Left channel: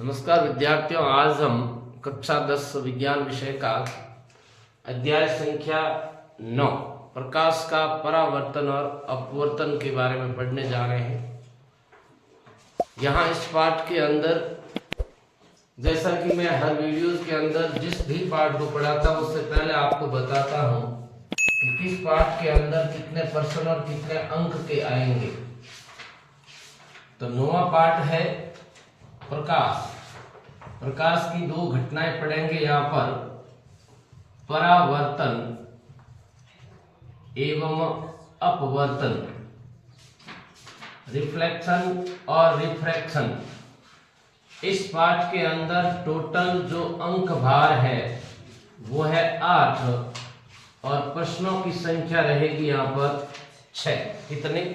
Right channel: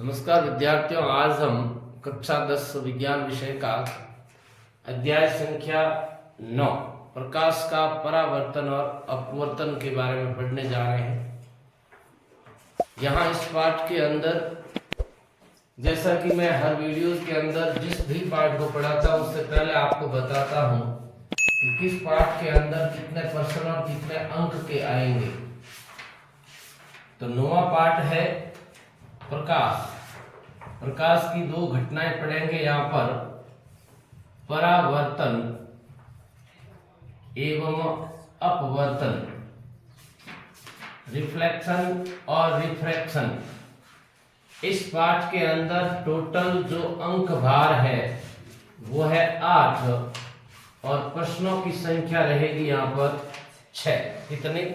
नमस्कार विद्यार्थियों, आज हम कक्षा 10 विज्ञान विषय का अध्याय संख्या 9 प्रकाश का परावर्तन और अपवर्तन के बारे में पढ़ने जा रहे हैं। यहाँ इस पाठ के अंदर, जैसा कि मैं हर वीडियोस के अंदर जिस भी पाठ को पढ़ाता हूँ उससे पहले आपको बताता हूँ कि किस पाठ के अंदर कितने प्रश्न और कितने अंक के आएंगे। तो 9वां पाठ है प्रकाश। प्रकाश की दो घटनाएं पढ़ेंगे यहाँ पर, परावर्तन एवं अपवर्तन, रिफ्लेक्शन और रिफ्रैक्शन। इस पाठ के अंदर टोटल जो अंक भार है वो है 8 और प्रश्नों की संख्या रहेगी यहाँ पर 6। कितने?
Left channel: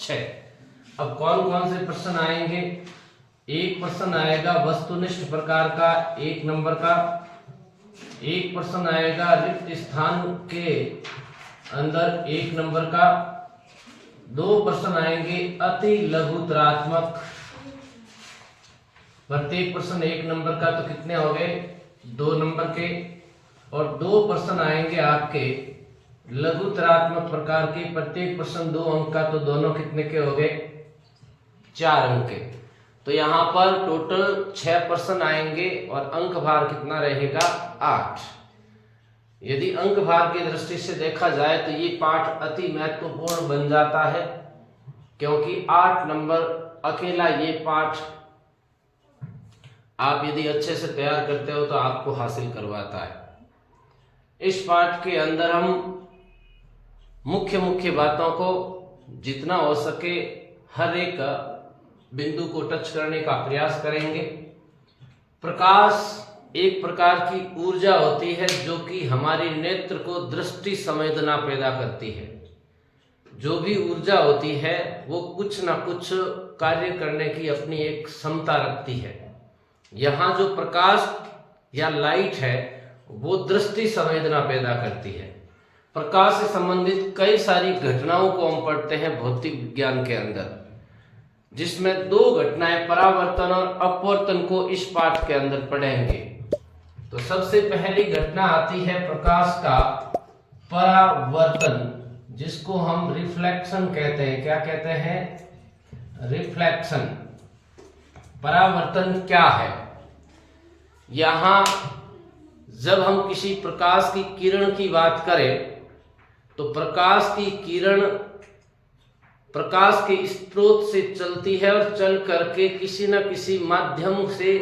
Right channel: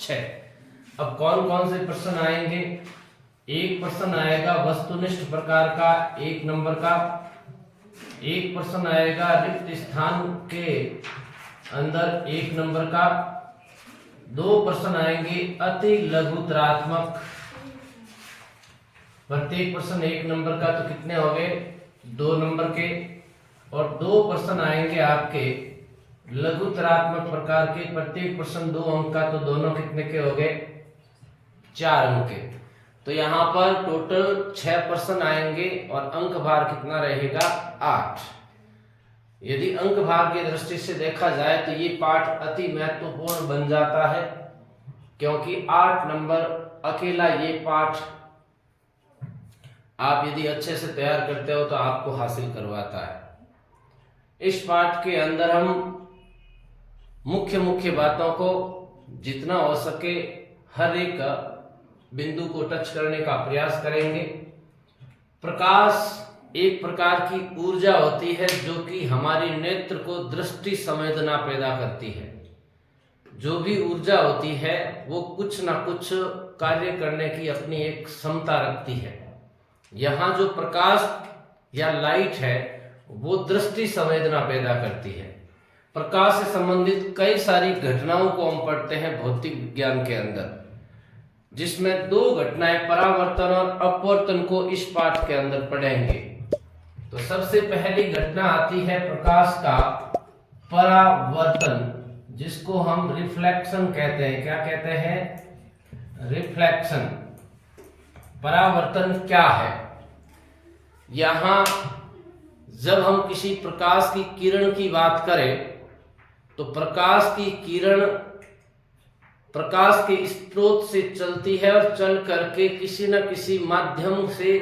6। अब कौन कौन से प्रश्न आएंगे? एक प्रश्न आएगा वस्तुनिष्ठ प्रकार का 1 नंबर का, एक प्रश्न आएगा रिक्त स्थान के अंदर 1 नंबर का, 2 प्रश्न आएंगे अति लघुतरात्मक, प्रत्येक प्रश्न 1 नंबर का, तो कितने हो गए? 2 नंबर के, और 2 प्रश्न आएंगे आपके लघुतरात्मक प्रकार के, प्रत्येक प्रश्न 2 अंक का, तो दोनों कितने के हो गए? 4 अंक के। तो यहाँ पर टोटल 6 प्रश्न आएंगे और अंक भार कितना रहेगा? 8। यदि अंक भार की दृष्टि से देखा जाए तो ये पाठ अति महत्वपूर्ण बन जाता है, क्योंकि 8 नंबर अकेला ये पाठ आप यदि अच्छे से तैयार करते हो तो आपको हासिल करवाता है। इस पाठ के अंदर हम मुख्य मुख्य बातों को जितना हो सके हर एक बिंदु को टच करने का प्रयास करेंगे। प्रकाश एक प्रकार की ऊर्जा होती है जो कि हमारी नेत्र को दृष्टि संवेदना पैदा करती है। जो भी ऊर्जा होती है वो कुछ ना कुछ कार्य करने की अपनी एक क्षमता रखती है। यहाँ जो प्रकाश या लाइट है वो दृष्टि संवेदना पैदा करती है। प्रकाश से संबंधित कई सारी घटनाओं को हम पढ़ते हैं भौतिक विज्ञान के अंदर, जिसमें 2 घटनाएं परावर्तन और अपवर्तन को इस पाठ के अंदर पढ़ेंगे। तो सबसे पहली घटना आती है प्रकाश का परावर्तन, जिसको हम रिफ्लेक्शन कहते हैं। क्या कहते हैं? रिफ्लेक्शन। परावर्तन क्या है? यहां जब हम किसी प्रकाश की किरण की बात करें तो प्रकाश की किरण प्रकाश के स्रोत से चलती है और चल करके किसी न किसी माध्यम से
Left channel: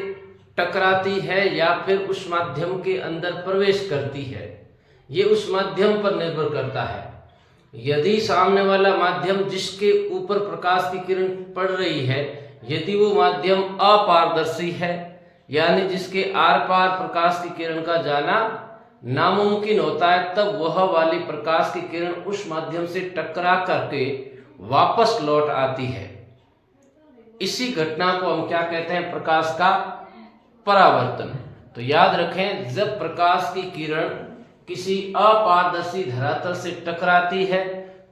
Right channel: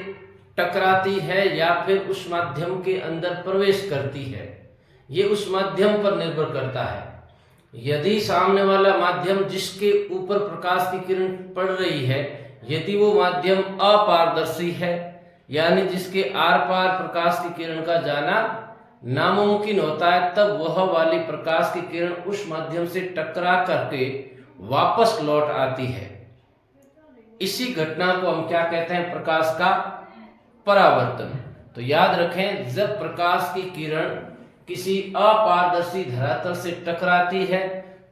टकराती है या फिर उस माध्यम के अंदर प्रवेश करती है। ये उस माध्यम पर निर्भर करता है। यदि सामने वाला माध्यम जिसके ऊपर प्रकाश की किरण पड़ रही है, यदि वो माध्यम अपारदर्शी है, यानी जिसके आर पार प्रकाश की किरण का जाना नामुमकिन होता है, तब वह वाली प्रकाश की किरण उस माध्यम से टकरा करके वापस लौट आती है। इसी घटना को हम क्या कहते हैं? प्रकाश का परावर्तन। तो याद रखें, जब प्रकाश की किरण किसी अपारदर्शी धरातल से टकराती है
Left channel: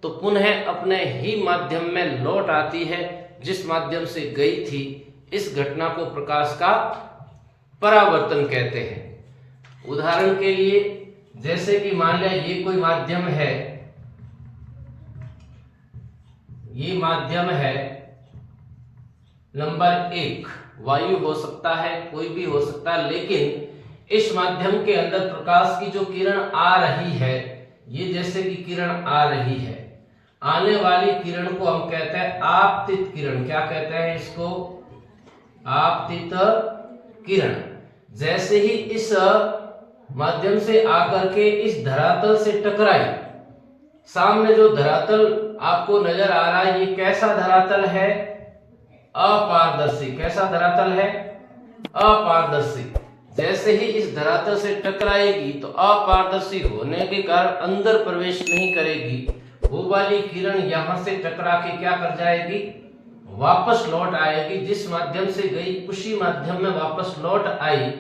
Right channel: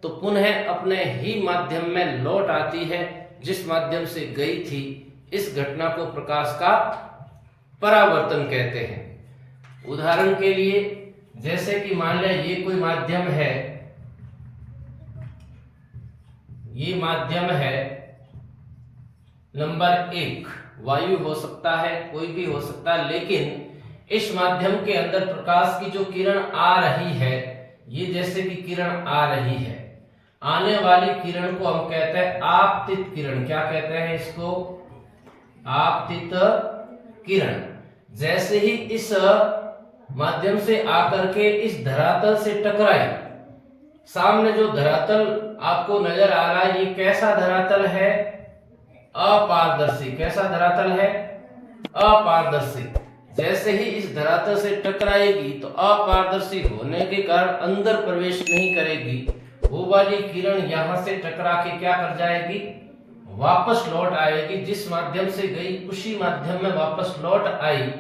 तो पुनः अपने ही माध्यम में लौट आती है जिस माध्यम से गई थी। इस घटना को प्रकाश का परावर्तन कहते हैं। उदाहरण के लिए, जैसे कि मान लिया ये कोई माध्यम है, ये माध्यम है नंबर 1, वायु हो सकता है, कोई भी हो सकता है, लेकिन इस माध्यम के अंदर प्रकाश की जो किरण आ रही है, ये जैसे कि किरण आ रही है, आने वाली किरण को हम कहते हैं आपतित किरण। क्या कहते हैं इसको? आपतित किरण। जैसे ही इस माध्यम से आकर के इस धरातल से टकराई, सामने जो धरातल आपको नजर आ रहा है, ये कैसा धरातल है? अपारदर्शी। कैसा धरातल है? अपारदर्शी। जैसे ही इस धरातल से टकराएगी तो अपारदर्शी होने के कारण अंदर प्रवेश नहीं करेगी, वो वाली किरण यहां से टकरा के क्या कर जाएगी? वापस लौट आएगी। जिस माध्यम से गई उसी माध्यम में वापस लौट आई।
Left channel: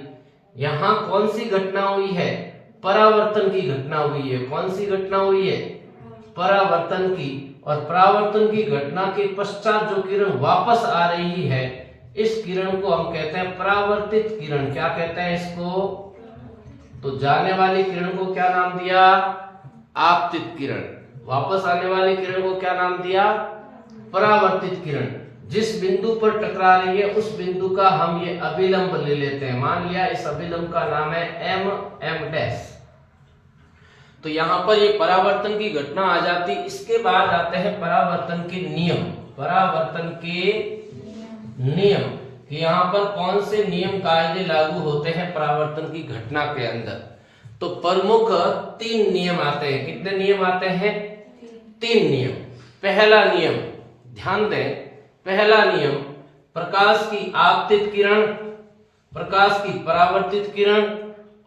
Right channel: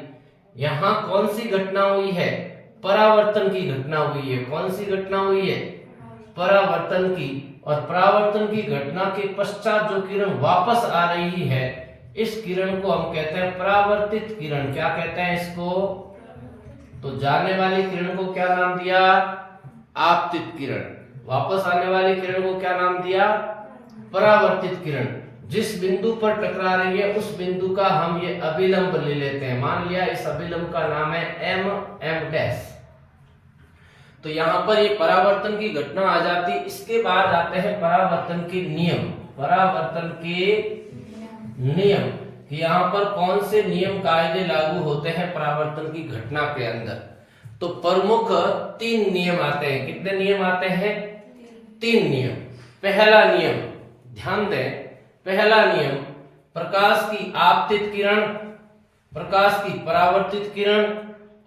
यहां कौन सी घटना हुई है? परावर्तन की घटना हुई है। कौन सी घटना हुई है? परावर्तन की। और परावर्तन की घटना के पश्चात जो किरण वापस आ रही है, इस किरण को हम कहते हैं परावर्तित किरण। क्या कहते हैं इसको? तो जाने वाली किरण को क्या नाम दिया? आपतित किरण। वापस आने वाली किरण को क्या नाम दिया? परावर्तित किरण। जिस बिंदु पर टकरा रही है उस बिंदु का हम ये अभिलंब ले लेते हैं। मान लिया इस अभिलंब का नाम है m डैश। तो यहां पर ये परावर्तन की घटना आ जाती। इसके बाद आते हैं परावर्तन के नियम। परावर्तन के नियम कि यहाँ पर कौन से नियम कायदे लागू होते हैं परावर्तन की घटना के अंदर। तो प्रमुख 3 नियम आते हैं। कितने नियम आते हैं? 3 नियम। पहला नियम ध्यान दें, पहला नियम प्रकाश की आपतित किरण, प्रकाश की परावर्तित किरण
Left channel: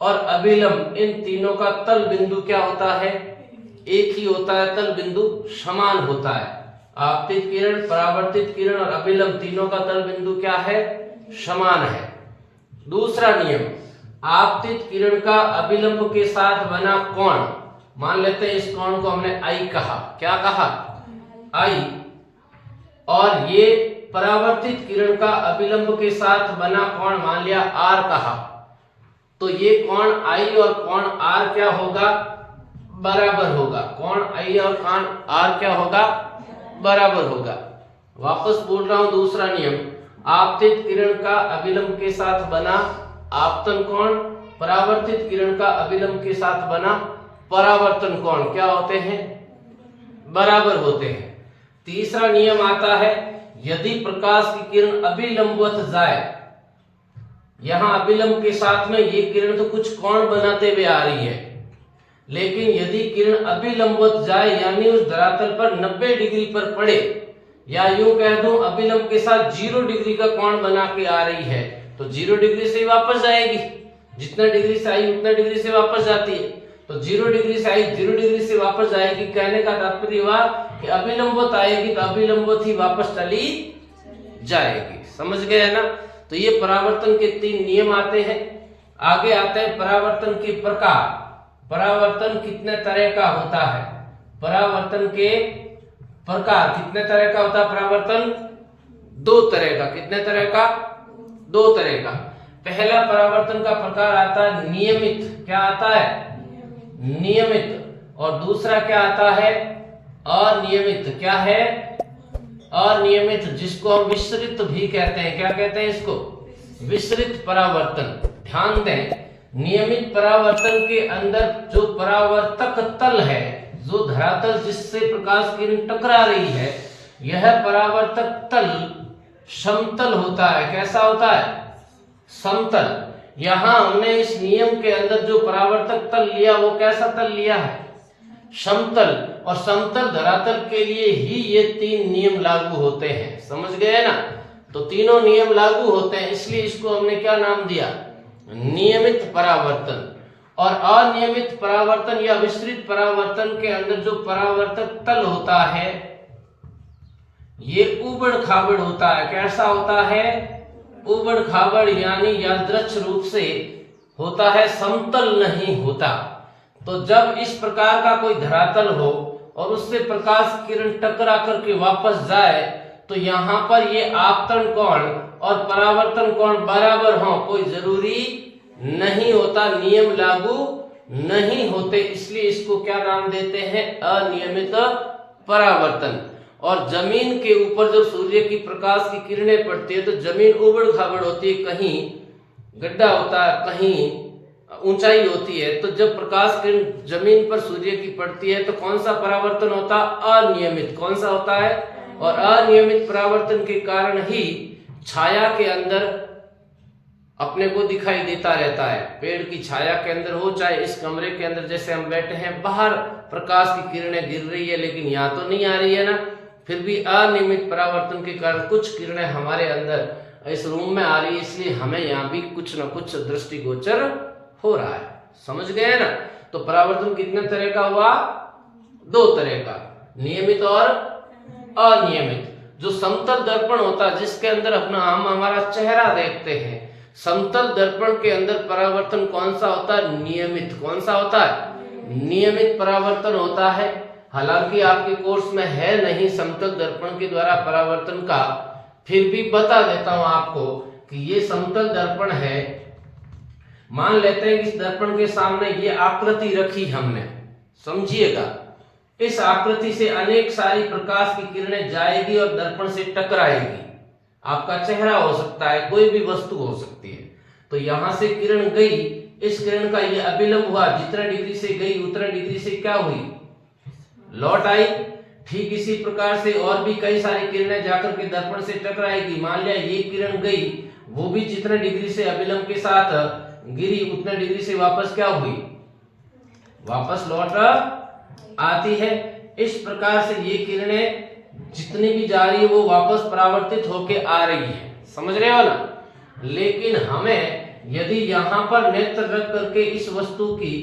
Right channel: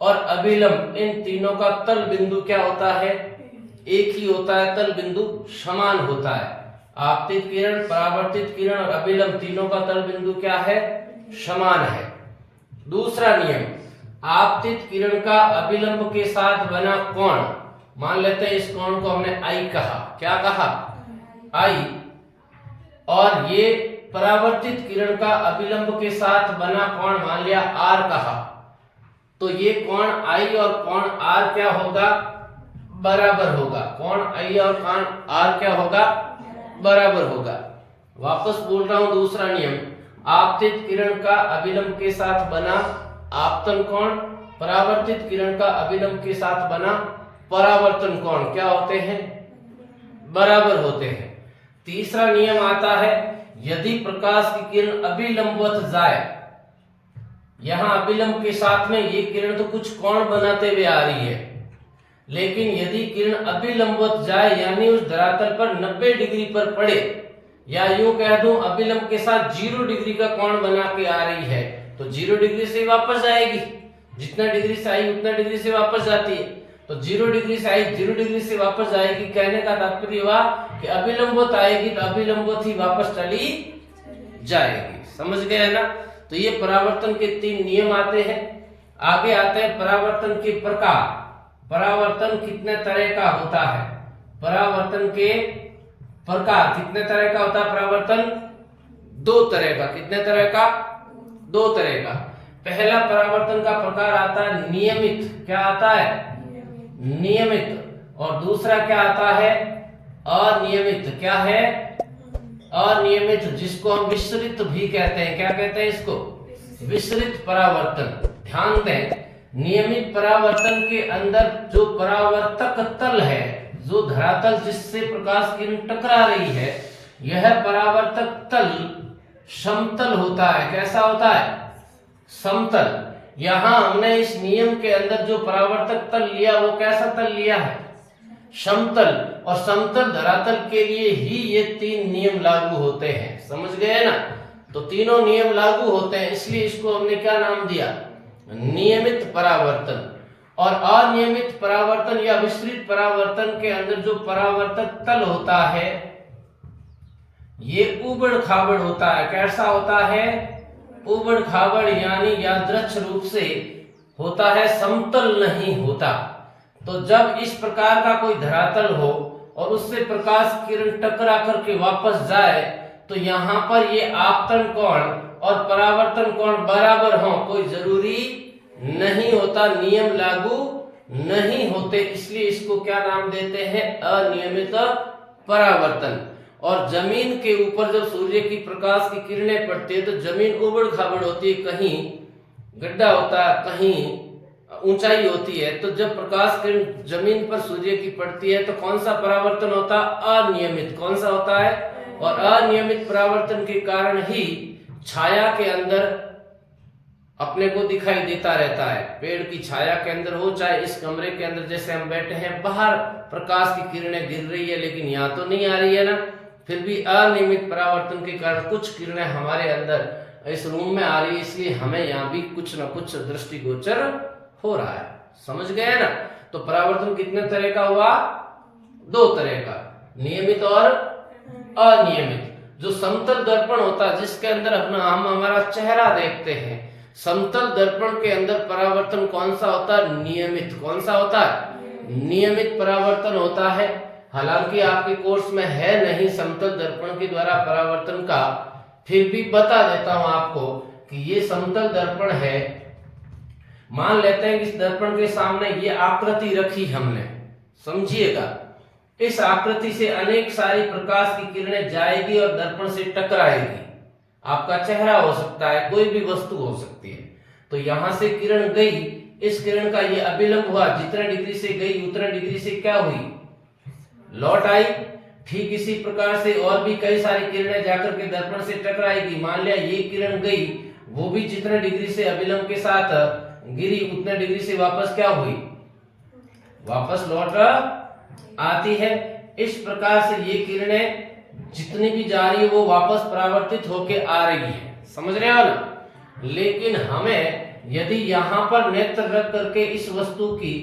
और अभिलंब, इन तीनों का तल बिंदु क्या होता है? एक ही होता है, तल बिंदु समान होता है। आपतित किरण, परावर्तित किरण और अभिलंब तीनों का तल बिंदु क्या है? समान है। दूसरा नियम, आपतित किरण का अभिलंब के साथ बना कोण, मान लेते हैं इस कोण को हमने आई कहा। क्या कहा? आई। और ये परावर्तित किरण का अभिलंब के साथ बना कोण मान लिया आर कहा। तो ये कोण आई और कोण आर क्या होगा? बराबर होगा। कोण आई और कोण आर क्या होगा? बराबर होगा। वापस बोल रहा हूं, दूसरा नियम, आपतित किरण का अभिलंब के साथ बना आपतन कोण, परावर्तित किरण का अभिलंब के साथ बना परावर्तन कोण क्या होते हैं? बराबर होते हैं। तीसरा नियम आता है, यदि प्रकाश की किरण अभिलंबवत जाए, यहां अभिलंब के साथ में ये किरण तो कुछ कोण बनाते हुए आ रही है, लेकिन यदि किरण अभिलंबवत जाए यानी उस धरातल पर 90 डिग्री पर पड़े, या यूं कह दूं अभिलंब के साथ 0 डिग्री का कोण बना के आ रही है, तो 0 डिग्री से वापस जाएगी। जितना डिग्री से आई उतना डिग्री से वापस जाती है। तो 0 डिग्री से आई 0 डिग्री से वापस जाएगी। कहने का तात्पर्य हुआ कि अभिलंबवत आएगी तो अभिलंबवत ही वापस चली जाएगी। समझ गए ना? तो ये परावर्तन के 3 नियम आते हैं। आगे आते हैं परावर्तन के प्रकार। परावर्तन कितने तरह का होता है? परावर्तन के प्रकार कितने तरह का होता है? परावर्तन 2 तरह का। कितने तरह का? 2 तरह का। पहला परावर्तन का प्रकार आता है नियमित। क्या आता है? नियमित। और दूसरा क्या आता है? अनियमित। क्या है? अनियमित, जिसको हम विसरित भी कहते हैं। क्या कहते हैं इसको? विसरित परावर्तन। ध्यान दें, नियमित परावर्तन के अंदर जो परावर्तक तल है, जो धरातल जिससे प्रकाश किरण टकरा रही है, यह परावर्तक तल समतल होता है। कैसा होता है? समतल। यहां हमने इस नियम के अंदर जो परावर्तक तल लिया वो कैसा तल लिया है? समतल। और समतल धरातल के लिए ही ये 3 नियम लागू होते हैं। समझ गए ना? तो तीनों नियम लागू होते हैं, इसलिए इसको हमने क्या नाम दिया? नियमित परावर्तन। और अनियमित परावर्तन या विसरित परावर्तन के अंदर जो परावर्तक तल होता है ये उबड़ खाबड़ होता है। कैसा होता है? उबड़ खाबड़, यानी यादृच्छ रूप से होता है, समतल नहीं होता। तो जब इस प्रकार का कोई धरातल हो और उससे प्रकाश किरण टकरा करके वापस जाए, तो यहाँ पर ये आपतन कोण और परावर्तन कोण बराबर हो, कोई जरूरी नहीं होता, नियम लागू नहीं होते। इसलिए इसको क्या नाम देते हैं? अनियमित परावर्तन। और जमीन के ऊपर जब सूर्य की प्रकाश की किरणें पड़ती है तो जमीन उबड़ खाबड़ होती है, कहीं गड्ढा होता है, कहीं ऊंचाई होती है। तो जब प्रकाश किरण जमीन पर सूर्य की पड़ती है तो कौन सा परावर्तन होता है? अनियमित। कौन सा होता है? और अनियमित परावर्तन के कारण ही छाया के अंदर अपने को दिखाई देता रहता है। पेड़ की छाया के अंदर हो, चाहे इस कमरे के अंदर जैसे हम बैठे हैं, बाहर प्रकाश की किरणें गिर रही है लेकिन यहाँ तो नहीं आ रही है ना, फिर भी अनियमित परावर्तन के कारण कुछ किरणें हमारे अंदर इस रूम में आ रही है, इसलिए हमें यहाँ भी कुछ न कुछ दृष्टिगोचर हो रहा है। समझ गए ना? तो परावर्तन कितने तरह का हुआ? 2 तरह का, नियमित और अनियमित। जो समतल दर्पण होता है जिसके अंदर अपना हम हमारा चेहरा देखते हैं, समतल दर्पण के अंदर परावर्तन कौन सा होता है? नियमित। कौन सा होता है? नियमित परावर्तन होता है। हालांकि आपके कोर्स में है नहीं समतल दर्पण के द्वारा परावर्तन का फिर भी बता देता हूं आपको कि ये समतल दर्पण है। मान लेते हैं कि इस दर्पण के सामने ये आकृति रखी हमने, समझिएगा। इस आकृति से अनेक सारी प्रकाश की किरणें जाएगी और दर्पण से टकराएगी। आपका चेहरा हो सकता है, कोई भी वस्तु हो सकती है। तो यहां से किरण गई, इस किरण का ये अभिलंब हुआ, जितने डिग्री से गई उतने डिग्री से क्या हुई, लौट आई। ठीक इसी प्रकार से और भी कई सारी किरणें जाकर के दर्पण से टकराएगी। मान लिया ये किरण गई, वो भी जितने डिग्री से अभिलंब के साथ गिरी उतने डिग्री से वापस क्या हुई, वापस लौट आती है। इस प्रकार से ये किरणें जितनी भी जा रही है वो वापस परावर्तित होके आ रही है, समझ रहे हो ना। लेकिन हमें यदि यहां पर नेत्र रख करके इस वस्तु की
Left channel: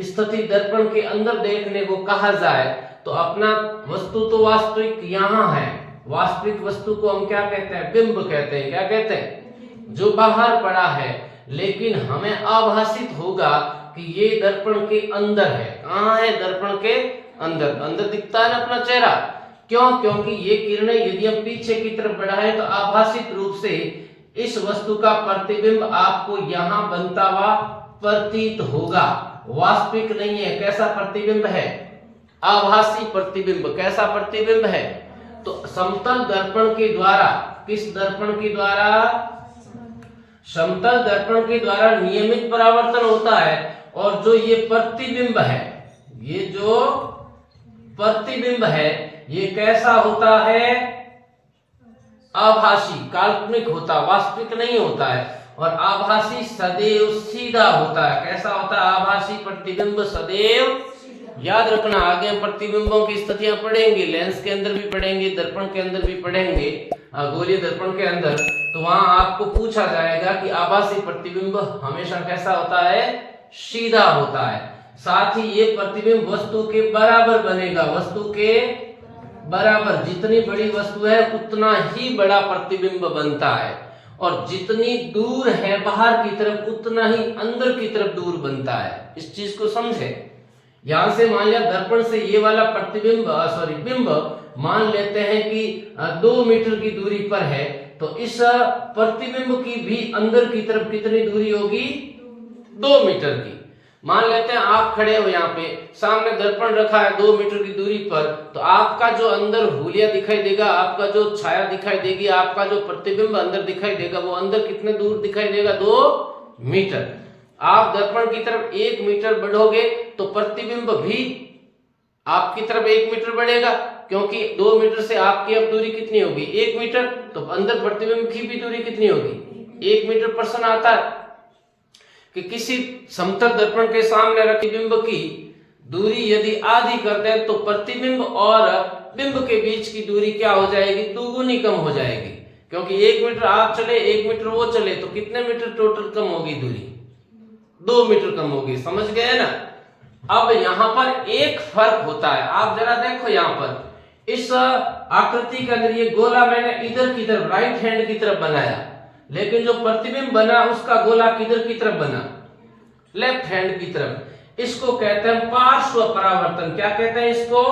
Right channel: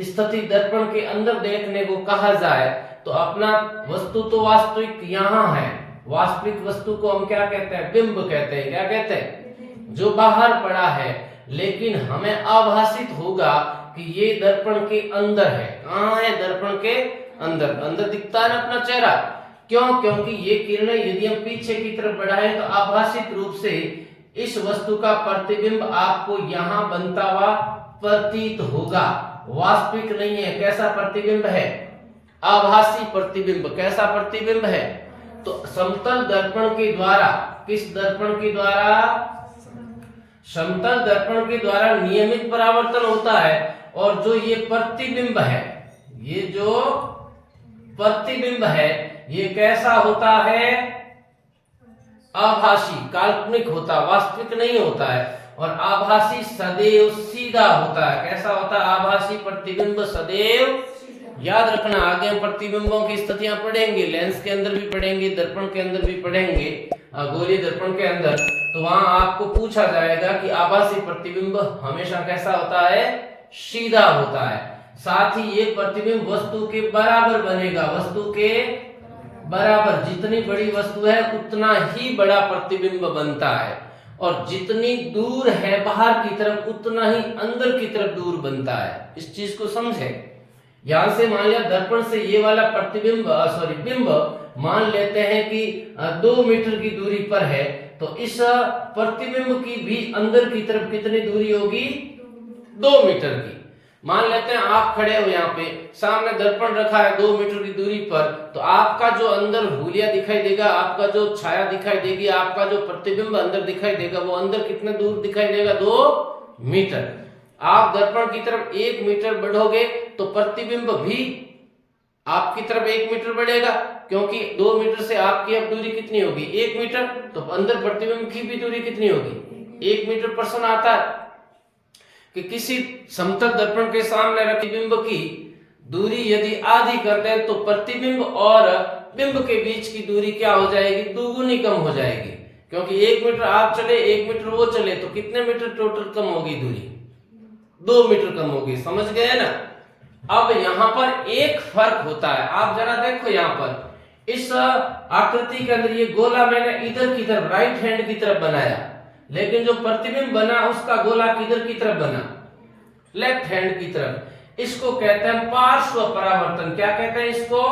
स्थिति दर्पण के अंदर देखने को कहा जाए तो अपना वस्तु तो वास्तविक यहां है, वास्तविक वस्तु को हम क्या कहते हैं, बिंब कहते हैं। क्या कहते हैं, जो बाहर पड़ा है। लेकिन हमें आभासित होगा कि ये दर्पण के अंदर है। कहां है, दर्पण के अंदर। अंदर दिखता है ना अपना चेहरा, क्यों, क्योंकि ये किरणें यदि हम पीछे की तरफ बढ़ाएं तो आभासित रूप से इस वस्तु का प्रतिबिंब आपको यहां बनता हुआ प्रतीत होगा, वास्तविक नहीं है। कैसा प्रतिबिंब है, आभासी प्रतिबिंब। कैसा प्रतिबिंब है, तो समतल दर्पण के द्वारा, किस दर्पण के द्वारा, समतल दर्पण के द्वारा नियमित परावर्तन होता है। और जो ये प्रतिबिंब है, ये जो प्रतिबिंब है ये कैसा होता है, आभासी, काल्पनिक होता, वास्तविक नहीं होता है। और आभासी सदैव सीधा होता है। कैसा होता है, आभासी प्रतिबिंब सदैव। याद रखना, आगे हम प्रतिबिंबों की स्थितियां पढ़ेंगे, लेंस के अंदर भी पढ़ेंगे, दर्पण के अंदर भी पढ़ेंगे, गोलीय दर्पण के अंदर। तो वहां आपको पूछा जाएगा कि आभासी प्रतिबिंब हमेशा कैसा होता है, सीधा होता है। साथ ही ये प्रतिबिंब वस्तु के बराबर बनेगा, वस्तु के बराबर। जितनी बड़ी वस्तु है उतना ही बड़ा प्रतिबिंब बनता है, और जितनी दूर है बाहर की तरफ उतना ही अंदर की तरफ दूर बनता है। इस चीज को समझे। यहां से मान लिया दर्पण से ये वाला प्रतिबिंब बिंब मान लेते हैं कि 2 मीटर की दूरी पर है, तो इस प्रतिबिंब की भी अंदर की तरफ कितनी दूरी होगी, 2 मीटर की। मान लेते हैं आप खड़े हो यहाँ पे, सामने दर्पण रखा है 2 मीटर की दूरी पर, तो आपका जो अंदर हुलिया दिखाई देगा, आपका जो छाया दिखाई देगी, आपका जो प्रतिबिंब अंदर दिखाई देगा, वो अंदर कितने दूर दिखाई देगा, 2 मीटर। आप दर्पण की तरफ 1 मीटर बढ़ोगे तो प्रतिबिंब भी आपकी तरफ 1 मीटर बढ़ेगा, क्योंकि 2 मीटर से आपकी अब दूरी कितनी होगी, 1 मीटर। तो अंदर प्रतिबिंब की भी दूरी कितनी होगी, 1 मीटर। प्रश्न आता है कि किसी समतल दर्पण के सामने रखे बिंब की दूरी यदि आधी कर दें तो प्रतिबिंब और बिंब के बीच की दूरी क्या हो जाएगी, दोगुनी कम हो जाएगी। क्योंकि 1 मीटर आप चले 1 मीटर वो चले, तो कितने मीटर टोटल कम होगी दूरी, 2 मीटर कम होगी। समझ गए ना। अब यहां पर एक फर्क होता है, आप जरा देखो यहां पर इस आकृति के अंदर ये गोला मैंने इधर की तरफ राइट हैंड की तरफ बनाया, लेकिन जो प्रतिबिंब बना उसका गोला किधर की तरफ बना, लेफ्ट हैंड की तरफ। इसको कहते हैं पार्श्व परावर्तन। क्या कहते हैं इसको,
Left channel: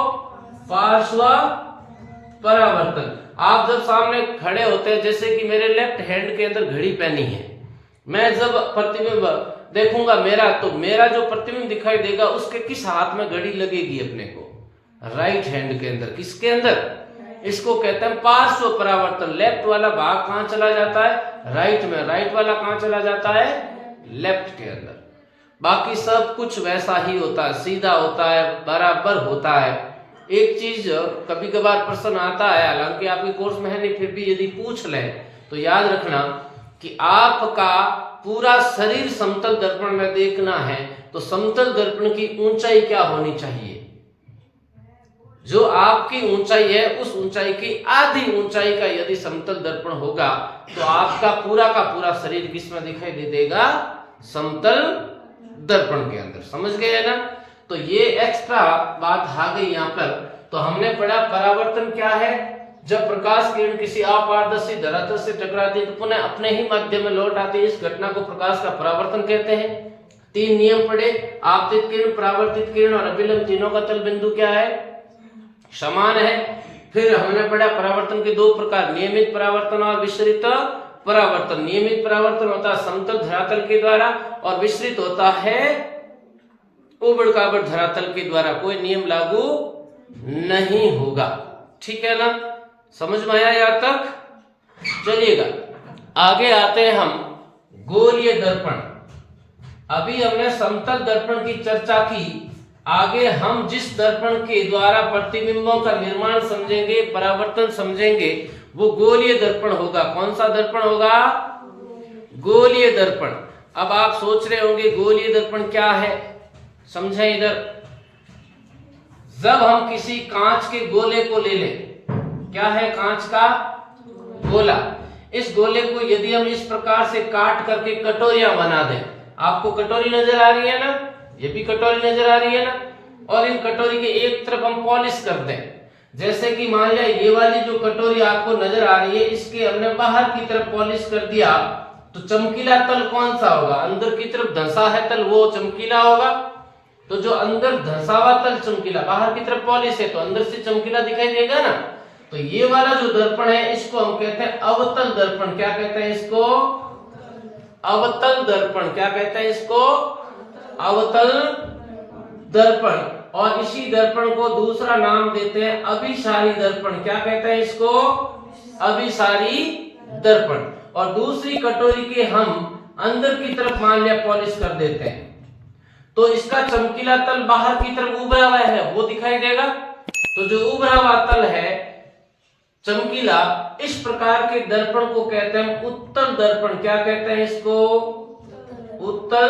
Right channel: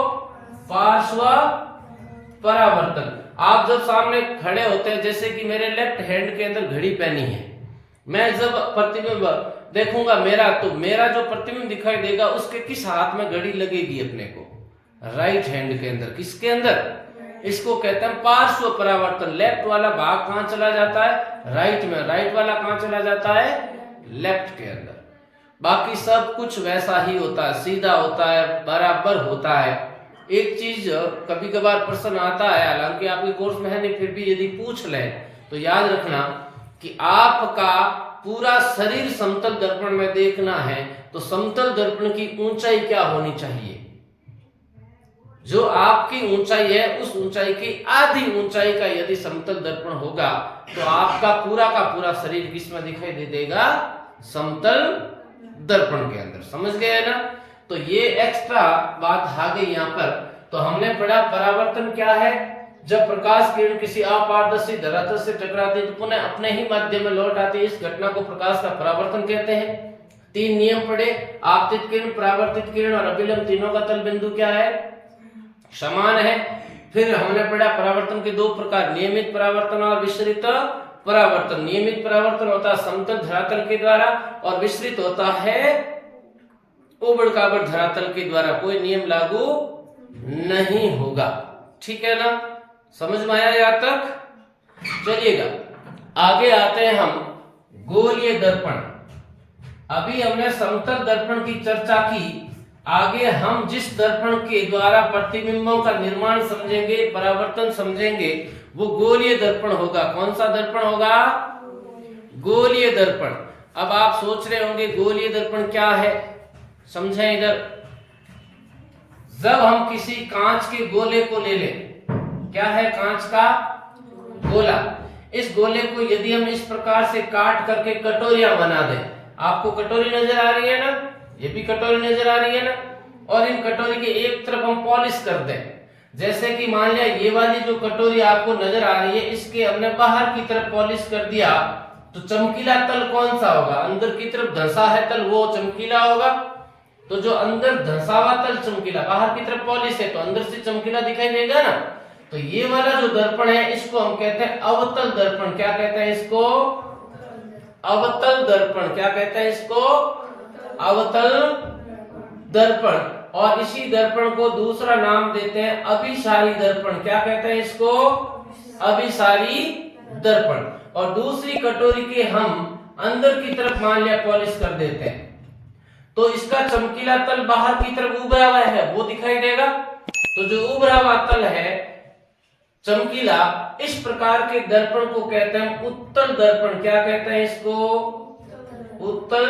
पार्श्व परावर्तन। आप जब सामने खड़े होते हैं, जैसे कि मेरे लेफ्ट हैंड के अंदर घड़ी पहनी है, मैं जब प्रतिबिंब देखूंगा मेरा, तो मेरा जो प्रतिबिंब दिखाई देगा उसके किस हाथ में घड़ी लगेगी अपने को, राइट हैंड के अंदर। किसके अंदर, इसको कहते हैं पार्श्व परावर्तन। लेफ्ट वाला भाग कहां चला जाता है, राइट में, राइट वाला कहां चला जाता है, लेफ्ट के अंदर। बाकी सब कुछ वैसा ही होता है, सीधा होता है, बराबर होता है। एक चीज कभी कभार प्रश्न आता है, हालांकि आपके कोर्स में है नहीं, फिर भी यदि पूछ ले तो याद रखना कि आपका पूरा शरीर समतल दर्पण में देखना है, तो समतल दर्पण की ऊंचाई क्या होनी चाहिए, जो आपकी ऊंचाई है उस ऊंचाई की आधी ऊंचाई का यदि समतल दर्पण होगा तो आपका पूरा का पूरा शरीर किसमें दिखाई दे देगा, समतल दर्पण के अंदर। समझ गए ना। तो ये एक्स्ट्रा बात आ गई यहाँ पर। तो हमने पढ़ा परावर्तन क्या है, जब प्रकाश किरण किसी अपारदर्शी धरातल से टकराती है तो पुनः अपने ही माध्यम में लौट आती है, इस घटना को प्रकाश का परावर्तन कहते हैं। 3 नियम पढ़े, आपतित किरण, परावर्तित किरण और अभिलंब, तीनों का तल बिंदु क्या है, समान है। फिर हमने पढ़ा परावर्तन के दो प्रकार, नियमित परावर्तन और विसरित परावर्तन। नियमित परावर्तन होता है समतल धरातल के द्वारा और विसरित होता है उबड़ खाबड़ धरातल के द्वारा, कोई नियम लागू नहीं होगा। ठीक है ना, समझ में आया यहाँ तक? चलिएगा आगे आते हैं हम गोलीय दर्पण। अभी हमने समतल दर्पण की चर्चा की, आगे हम जिस दर्पण के द्वारा प्रतिबिंबों का निर्माण समझेंगे, परावर्तन समझेंगे, वो गोलीय दर्पण होगा। कौन सा दर्पण होगा? गोलीय दर्पण। अब आप सोच रहे होंगे गोलीय दर्पण क्या है, समझें इधर। जब हम किसी कांच के गोले को ले लें, क्या है कांच का गोला, इस गोले को यदि हम इस प्रकार से काट करके कटोरियां बना दें, आपको कटोरी नजर आ रही है ना, ये भी कटोरी नजर आ रही है ना, और इन कटोरी के एक तरफ हम पॉलिश कर दें, जैसे कि मान लिया ये वाली जो कटोरी आपको नजर आ रही है, इसके हमने बाहर की तरफ पॉलिश कर दिया, तो चमकीला तल कौन सा होगा? अंदर की तरफ धंसा है तल, वो चमकीला होगा। तो जो अंदर धंसा हुआ तल चमकीला, बाहर की तरफ पॉलिश है तो अंदर से चमकीला दिखाई देगा ना। तो ये वाला जो दर्पण है इसको हम कहते हैं अवतल दर्पण। क्या कहते हैं इसको? अवतल दर्पण। क्या कहते हैं इसको? अवतल दर्पण। और इसी दर्पण को दूसरा नाम देते हैं अभिसारी दर्पण। क्या कहते हैं इसको? अभिसारी दर्पण। और दूसरी कटोरी के हम अंदर की तरफ मान लिया पॉलिश कर देते हैं, तो इसका चमकीला तल बाहर की तरफ उभरा हुआ है वो दिखाई देगा। तो जो उभरा हुआ तल है चमकीला, इस प्रकार के दर्पण को कहते हैं उत्तल दर्पण। क्या कहते हैं इसको? उत्तल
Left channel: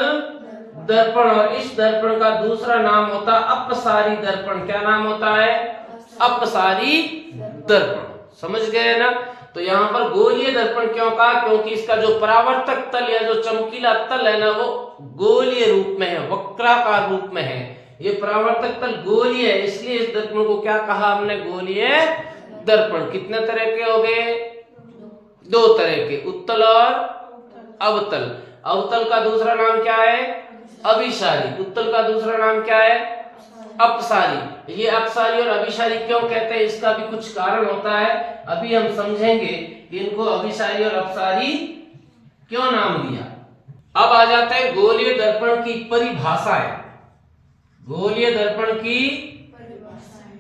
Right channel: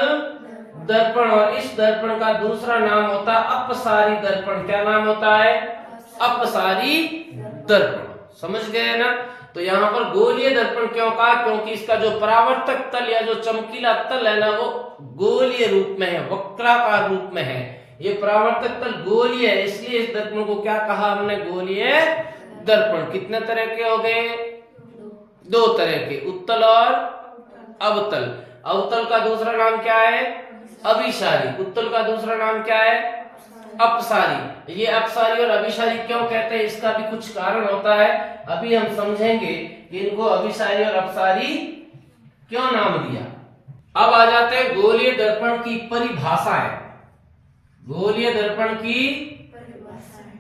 दर्पण। और इस दर्पण का दूसरा नाम होता है अपसारी दर्पण। क्या नाम होता है? अपसारी दर्पण। समझ गए ना? तो यहाँ पर गोलीय दर्पण क्यों कहा? क्योंकि इसका जो परावर्तक तल या जो चमकीला तल है ना, वो गोलीय रूप में है, वक्राकार रूप में है। ये परावर्तक तल गोलीय है, इसलिए इस दर्पण को क्या कहा हमने? गोलीय दर्पण। कितने तरह के हो गए? दो तरह के, उत्तल और अवतल। अवतल का दूसरा नाम क्या है? अभिसारी। उत्तल का दूसरा नाम क्या है? अपसारी। ये अपसारी और अभिसारी क्यों कहते हैं, इसका भी कुछ कारण होता है, अभी हम समझेंगे कि इनको अभिसारी और अपसारी क्यों नाम दिया। अब आ जाते हैं गोलीय दर्पण की परिभाषाएं। गोलीय दर्पण की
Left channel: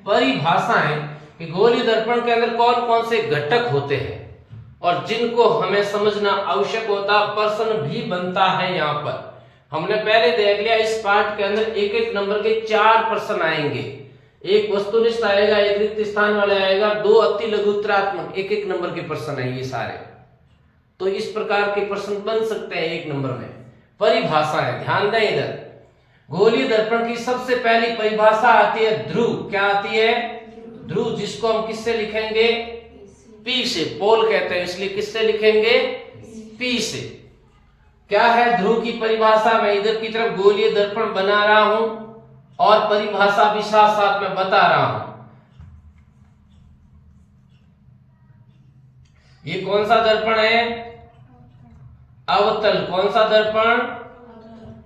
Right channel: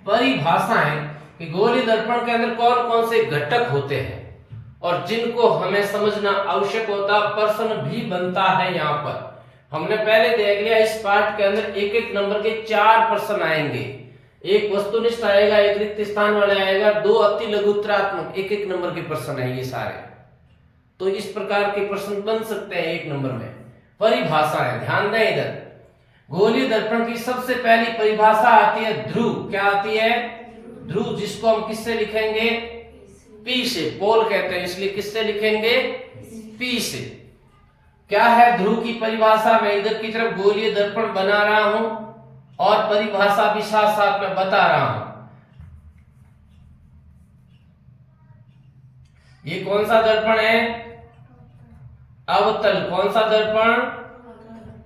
परिभाषाएं कि गोलीय दर्पण के अंदर कौन कौन से घटक होते हैं और जिनको हमें समझना आवश्यक होता, प्रश्न भी बनता है। यहाँ पर हमने पहले देख लिया, इस पार्ट के अंदर एक एक नंबर के 4 प्रश्न आएंगे। एक वस्तुनिष्ठ आएगा, एक रिक्त स्थान वाला आएगा, 2 अति लघुत्तरात्मक, एक एक नंबर के प्रश्न है ये सारे। तो इस प्रकार के प्रश्न बन सकते हैं एक नंबर में। परिभाषा है, ध्यान दें इधर। गोलीय दर्पण की सबसे पहली परिभाषा आती है ध्रुव। क्या आती है? ध्रुव, जिसको हम किससे लिखेंगे? पी से। पोल कहते हैं, इसलिए किससे लिखेंगे? पी से। क्या है ध्रुव की परिभाषा? मैं इधर की तरफ गोलीय दर्पण बना रहा हूं और परिभाषा भी साथ साथ में बता रहा हूं। ये कौन सा दर्पण है? अवतल। कौन सा दर्पण?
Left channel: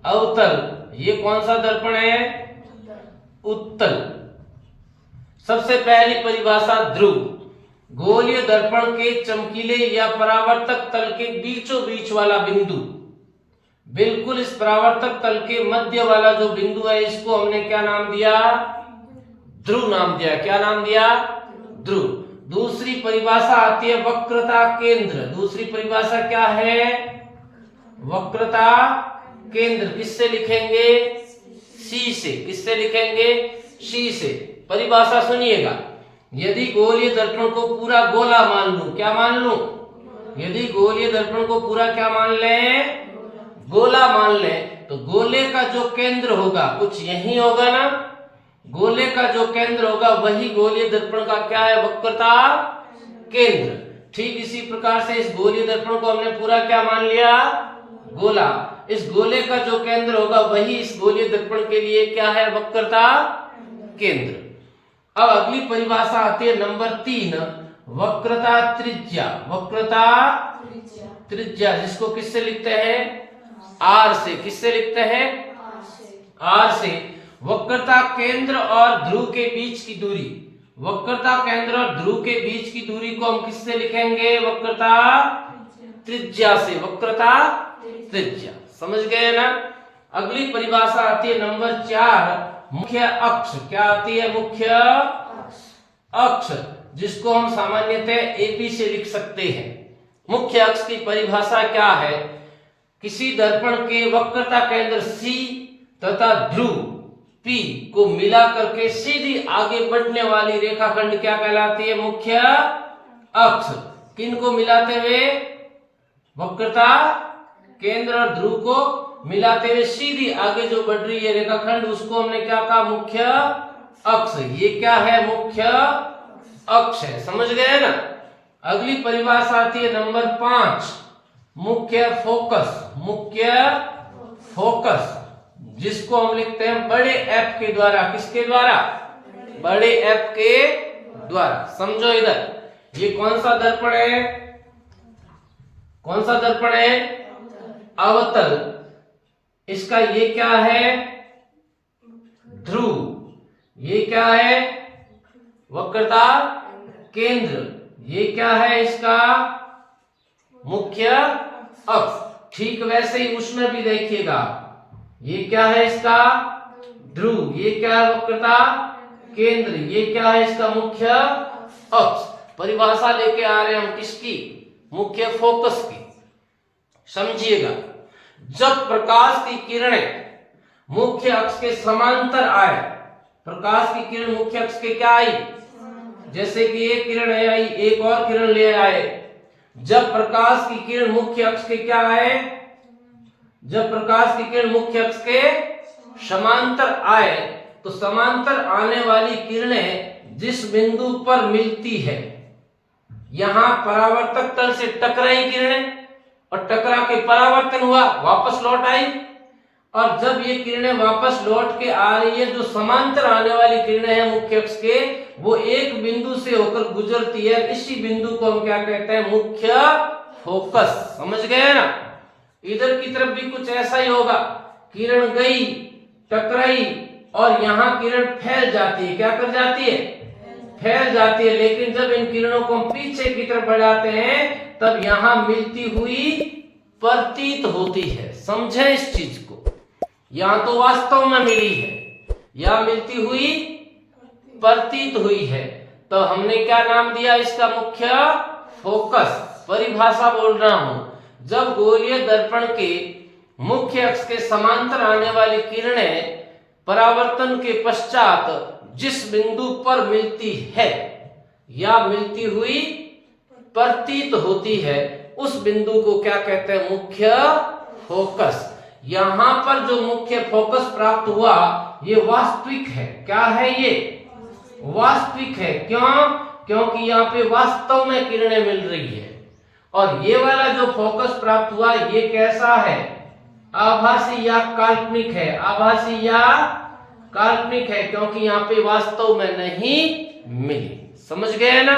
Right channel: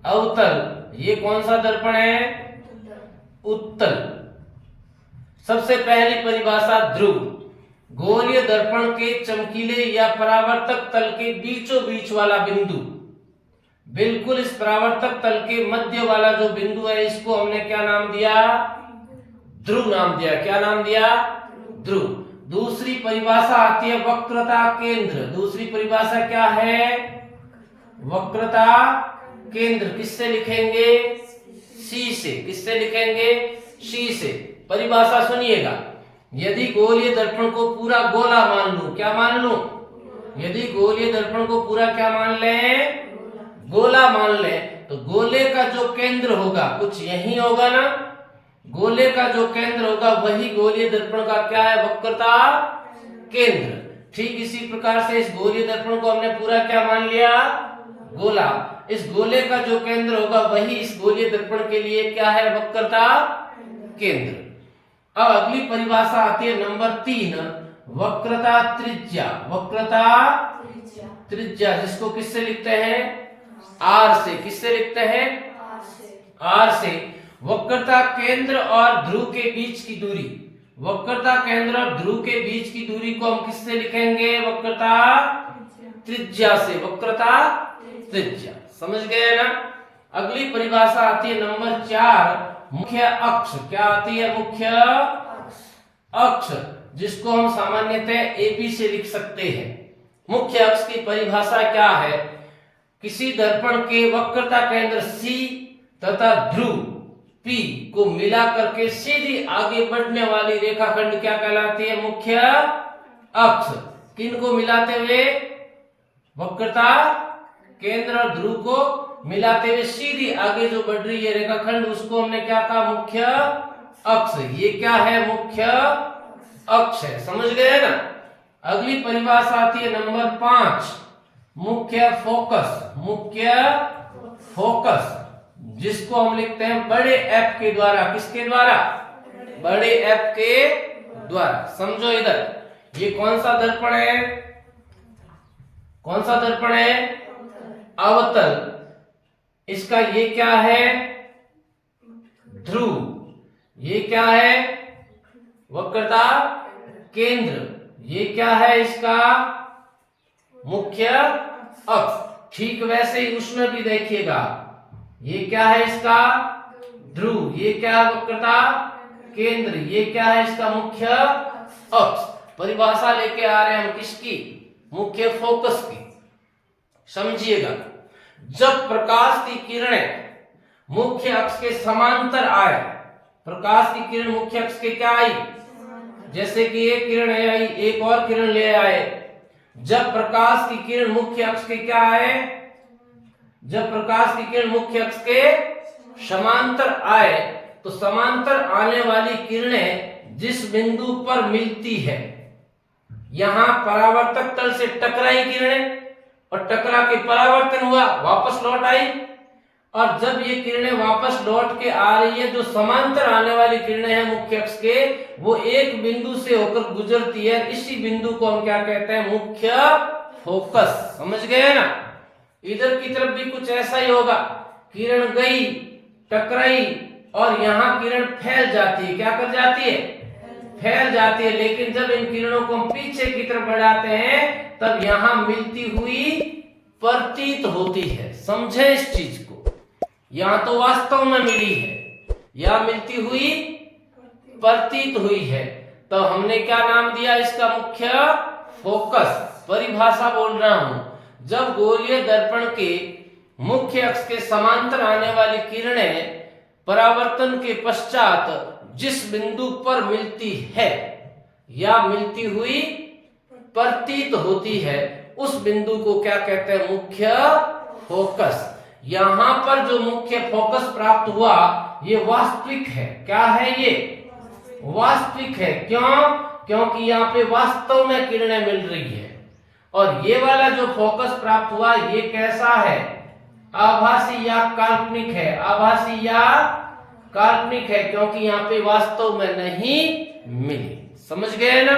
अवतल। ये कौन सा दर्पण है? उत्तल। सबसे पहली परिभाषा ध्रुव। गोलीय दर्पण के चमकीले या परावर्तक तल के बीचों बीच वाला बिंदु, बिल्कुल इस परावर्तक तल के मध्य वाला जो बिंदु है, इसको हमने क्या नाम दिया? ध्रुव नाम दिया। क्या नाम दिया? ध्रुव। दूसरी परिभाषा आती है वक्रता केंद्र। दूसरी परिभाषा क्या है? वक्रता केंद्र। किससे लिखेंगे? सी से। किससे लिखेंगे? सी से। परिभाषा सुनिएगा। यदि गोलीय दर्पण को पूरा गोला मान लूं, क्या मान लूं? यदि गोलीय दर्पण को पूरा क्या मान लें? गोला मान ले, तो गोले का जो केंद्र होगा कुछ यही होगा ना। गोले का जो केंद्र होगा वही गोलीय दर्पण का क्या है? वक्रता केंद्र। ठीक इसी प्रकार से इस गोलीय दर्पण को हमने पूरा क्या मान लिया? गोला। इस गोले का जो केंद्र होगा वही इस गोलीय दर्पण के लिए क्या है? वक्रता केंद्र। अब अगली परिभाषा आती है नंबर 3, वक्रता त्रिज्या। वक्रता त्रिज्या, जिसको किससे लिखते हैं? आर से। किससे लिखते हैं? आर से। वक्रता केंद्र और ध्रुव के बीच की दूरी। वक्रता केंद्र और ध्रुव के बीच की दूरी को हम किससे लिखेंगे? वक्रता त्रिज्या से। वक्रता त्रिज्या, समझ गए ना। अगली परिभाषा आती है नंबर 4, मुख्य अक्ष। क्या आती है? मुख्य अक्ष, जिसको हम सामान्यतः एपी से लिख सकते हैं। मुख्य अक्ष की परिभाषा क्या है? किसी दर्पण के वक्रता केंद्र C तथा ध्रुव P को मिला करके सीधी आगे बढ़ने वाली रेखाखंड क्या कहलाती है? मुख्य अक्ष। किन को मिलाते हुए? वक्रता केंद्र और ध्रुव को मिलाते हुए सीधी आगे जो बढ़ रही है रेखाखंड, उसको हमने क्या कहा? मुख्य अक्ष। ये क्या है? मुख्य अक्ष है, समझ गए ना। अगली परिभाषा आती है नंबर 5, मुख्य फोकस। मुख्य फोकस, जिसको हम लिखते हैं बड़े एफ के द्वारा। किसके द्वारा? बड़े एफ के द्वारा। समझो इधर, ये कौन सा दर्पण है? कौन सा दर्पण है? अवतल। इसका ये क्या है? ध्रुव। ये क्या है? वक्रता केंद्र। ये क्या है? इसका मुख्य अक्ष। ठीक वैसे ही उसमें भी देखिएगा, ये क्या है? इसका ध्रुव। ये क्या है? वक्रता केंद्र। ये क्या है? इसका मुख्य अक्ष। परिभाषा लेके आ रहे हैं हम किसकी? मुख्य फोकस की। समझिएगा, जब प्रकाश की किरणें मुख्य अक्ष के समांतर आए, प्रकाश की किरण मुख्य अक्ष के क्या आई? जैसे कि एक किरण आई, एक और किरण ले आए। जब प्रकाश की किरण मुख्य अक्ष के क्या आए? जब प्रकाश की किरण मुख्य अक्ष के समांतर आए, तो समांतर आने वाली किरणें जिस बिंदु पर मिलती है, यहां परावर्तक तल से टकराई किरणें और टकरा के परावर्तन हुआ, वापस लौट आई। और जब ये किरणें वापस लौट के आ रही है, जो समांतर आने वाली किरणें हैं मुख्य अक्ष के, वो एक बिंदु से होकर गुजरती है। इसी बिंदु को हम क्या कहते हैं? मुख्य फोकस। समझ गए ना। इधर की तरफ भी कुछ ऐसा ही होगा, किरण गई, टकराई और यहाँ किरण फैल जाती है। क्या कर जाती है? फैल जाती है। लेकिन जब इन किरणों को हम पीछे की तरफ बढ़ाते हैं, तब यहाँ मिलती हुई प्रतीत होती है। समझे इस चीज को। यहाँ तो वास्तव में मिली है, यहाँ मिलती हुई प्रतीत हुई है। तो हमने क्या नाम दिया इसका? मुख्य फोकस। परिभाषा बोल रहा हूं, जब गोलीय दर्पण के मुख्य अक्ष के समांतर आने वाली किरणें परावर्तन के पश्चात जिस बिंदु पर मिलती है या मिलती हुई प्रतीत होती है, उस बिंदु को क्या कहते हैं? मुख्य फोकस। यहां पर जो मुख्य फोकस प्राप्त हुआ, ये वास्तविक है। क्या है ये? वास्तविक है। क्यों? क्योंकि यहाँ पे वास्तव में किरणें मिल रही है। और ये वाला जो फोकस प्राप्त हुआ, ये कैसा है? आभासी या काल्पनिक है। आभासी या काल्पनिक है, क्योंकि यहाँ पे वास्तव में नहीं मिली। समझ गए ना।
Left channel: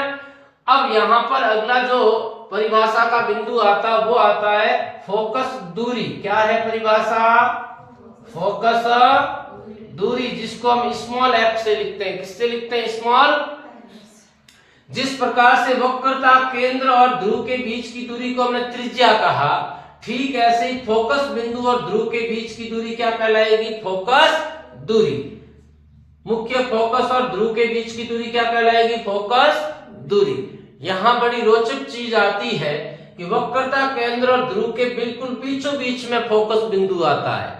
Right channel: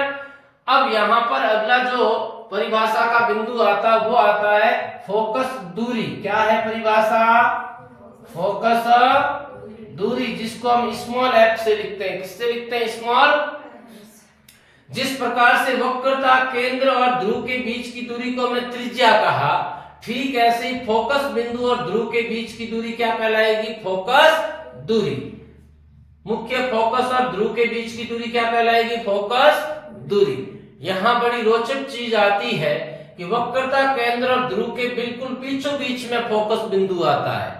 अब यहाँ पर अगला जो परिभाषा का बिंदु आता, वो आता है फोकस दूरी। क्या है परिभाषा? फोकस दूरी, जिसको हम स्मॉल एफ से लिखते हैं। किससे लिखते हैं? स्मॉल। जिस प्रकार से वक्रता केंद्र और ध्रुव के बीच की दूरी को हमने त्रिज्या कहा, ठीक ऐसे ही फोकस बिंदु और ध्रुव के बीच की दूरी क्या कहलाएगी? फोकस दूरी। मुख्य फोकस और ध्रुव के बीच की दूरी क्या कहलाएगी? फोकस दूरी। यहां बड़ी रोचक चीज आती है कि वक्रता केंद्र और ध्रुव के बिल्कुल बीचों बीच में फोकस बिंदु आता है।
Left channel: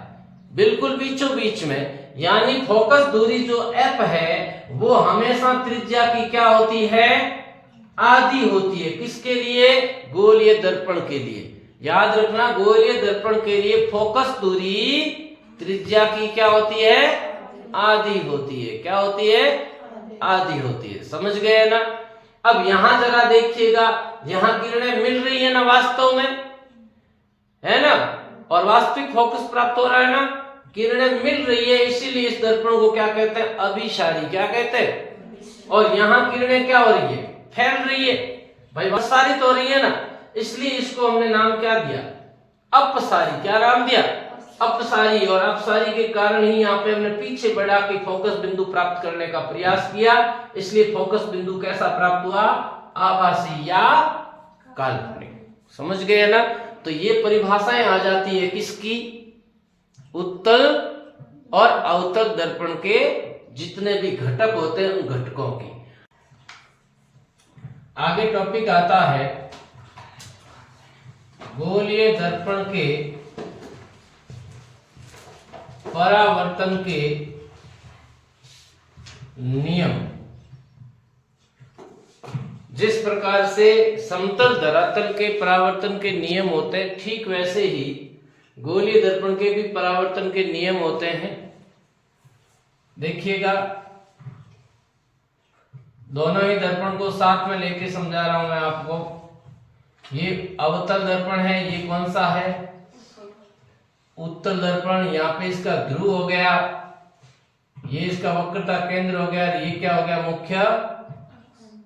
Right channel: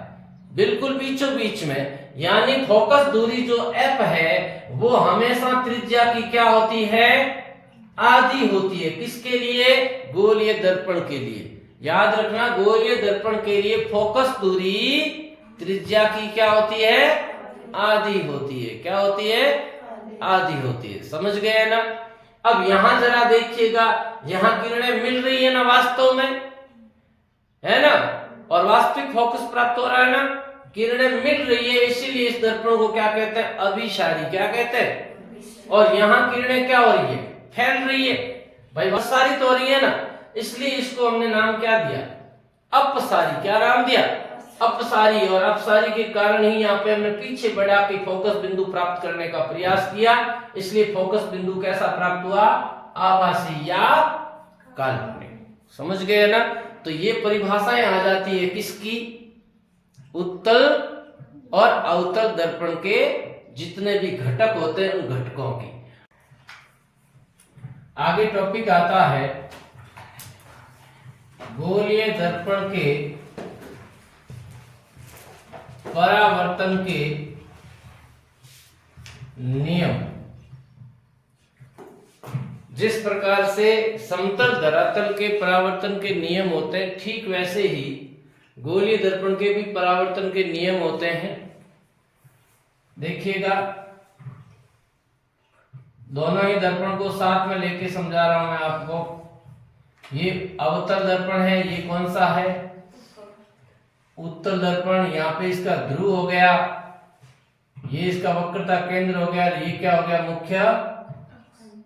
बिल्कुल बीचों बीच में, यानी फोकस दूरी जो f है, वो हमेशा त्रिज्या की क्या होती है? आधी होती है। किसके लिए? गोलीय दर्पण के लिए। याद रखना, गोलीय दर्पण के लिए फोकस दूरी त्रिज्या की क्या होती है? आधी होती है। क्या होती है? आधी होती है। समझ गए ना। अब यहां जरा देखिएगा, यहां किरणें मिल रही है ना वास्तव में, है ना, और वास्तविक फोकस प्राप्त हो रहा है ना। किरणें मिल रही है, इसीलिए इस दर्पण को क्या कहते हैं? अभिसारी। क्या कहते हैं? और यहां किरणें क्या हो रही है? फैल रही है। भाई प्रसारित हो रही है ना, इसलिए इसको हमने नाम क्या दिया? अपसारी। क्या नाम दिया? अपसारी, और अपसारी के कारण ही यहाँ पे हमने पीछे बढ़ा के फोकस बिंदु प्राप्त करने का प्रयास किया, इसलिए फोकस बिंदु कैसा प्राप्त हुआ? आभासी या काल्पनिक। समझ गए ना? तो ये परिभाषाएं आ जाती है किसकी? उत्तल और अवतल दर्पण के जितने भी घटक होते हैं उन घटकों की। आगे टॉपिक आता है गोलीय दर्पण के परावर्तन के नियम। जिस प्रकार से समतल धरातल के परावर्तन के नियम होते हैं, ठीक वैसे ही गोलीय दर्पण के भी परावर्तन के नियम होते हैं। देखिएगा, दोनों ही दर्पण को साथ में लेके समझा रहा हूं मैं आपको। ये अवतल दर्पण है, ये कौन सा है? उत्तल दर्पण। यहाँ पे इसका ध्रुव हो गया, ये इसका वक्रता केंद्र हो गया, ये क्या हो गया? मुख्य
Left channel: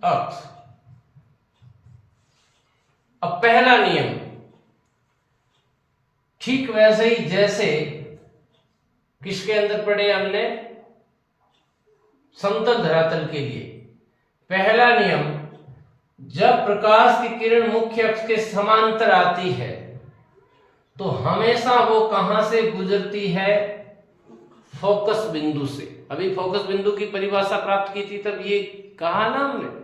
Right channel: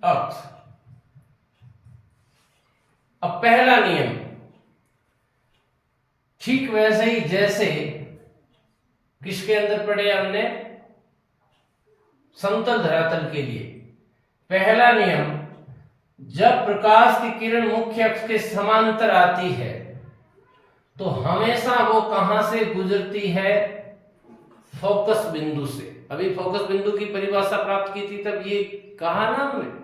अक्ष। अब पहला नियम ठीक वैसे ही जैसे किसके अंदर पढ़े हमने? समतल धरातल के लिए। पहला नियम, जब प्रकाश की किरण मुख्य अक्ष के समांतर आती है तो हमेशा वो कहां से गुजरती है? फोकस बिंदु से। अभी फोकस बिंदु की परिभाषा प्राप्त की थी, तब ये कहा ना हमने,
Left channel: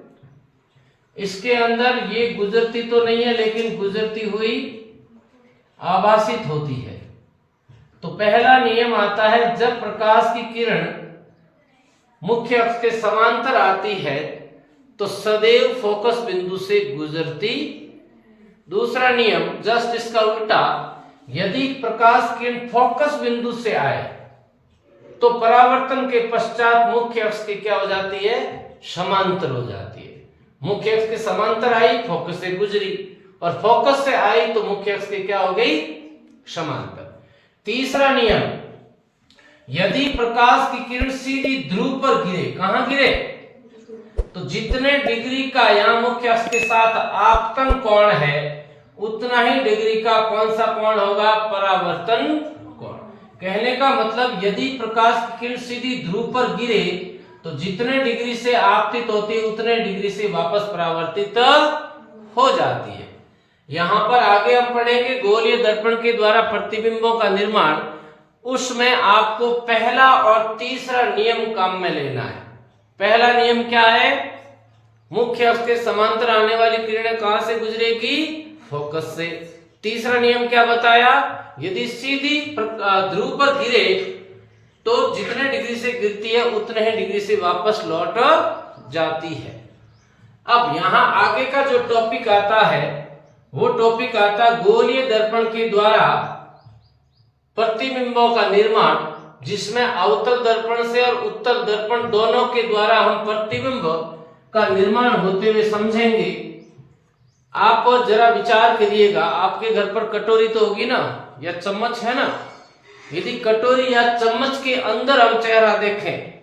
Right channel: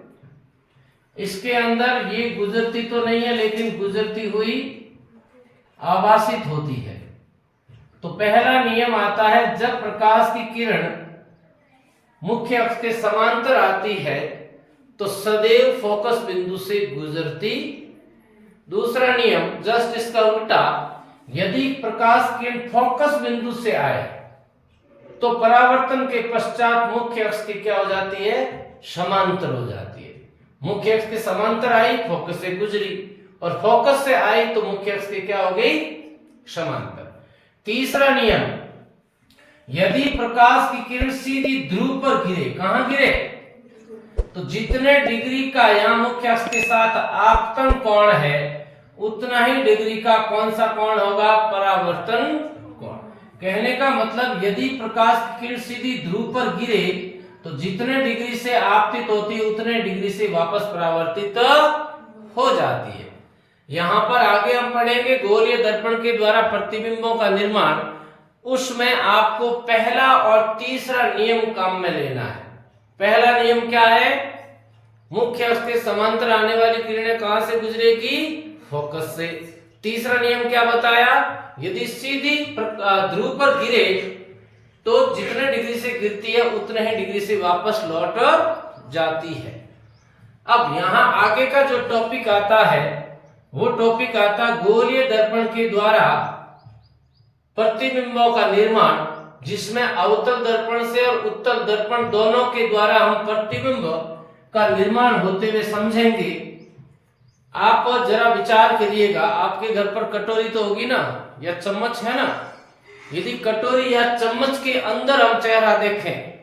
इसके अंदर ये गुजरती तो नहीं है, लेकिन गुजरती हुई आभासित होती है। तो पहला नियम आता है, जब प्रकाश की किरण मुख्य अक्ष के समांतर आती है तो सदैव फोकस बिंदु से गुजरती। दूसरा नियम जस्ट इसका उल्टा, यदि प्रकाश किरण फोकस बिंदु से आए तो परावर्तन के पश्चात मुख्य अक्ष की क्या हो जाती है? समांतर हो जाती है। मुख्य अक्ष के समांतर आई, फोकस से गुजरी, और फोकस से आई तो मुख्य अक्ष की क्या हो गई? समांतर। तीसरा नियम, यदि प्रकाश की किरण सीधी ध्रुव पर गिरे, कहां गिरे? तो जितने डिग्री का यहां मुख्य अक्ष के साथ आपतन कोण है, उतना ही डिग्री का कौन सा कोण होगा? परावर्तन कोण। कहने का मतलब, यदि प्रकाश की किरण सीधी ध्रुव पर गिरे तो जितने डिग्री से आपतित होती है उतने डिग्री से वापस परावर्तित हो जाती है। यहां पर आगे हम पढ़ेंगे गोलीय दर्पण के द्वारा प्रतिबिंबों का निर्माण। उसमें आपको पहला और तीसरा नियम काम में लेना है। पहला नियम क्या है? मुख्य अक्ष के समांतर आने वाली किरणें कहां से गुजरेगी? फोकस से। तीसरा नियम क्या बताया? यदि सीधी ध्रुव पर गिरे तो जितने डिग्री से गिरती है उतने ही डिग्री से वापस लौट जाती है। अब यहां आगे का जो टॉपिक आता है वो टॉपिक आता गोलीय दर्पण के द्वारा प्रतिबिंबों का निर्माण, जिसमें अवतल दर्पण से और उत्तल दर्पण दोनों के द्वारा हम प्रतिबिंब का निर्माण होते हुए समझेंगे। आप जरा विचार करिएगा, आपके घर पर कटोरी तो होगी ना, या चम्मच है ना? यदि कटोरी या चम्मच के अंदर हम चेहरा देखें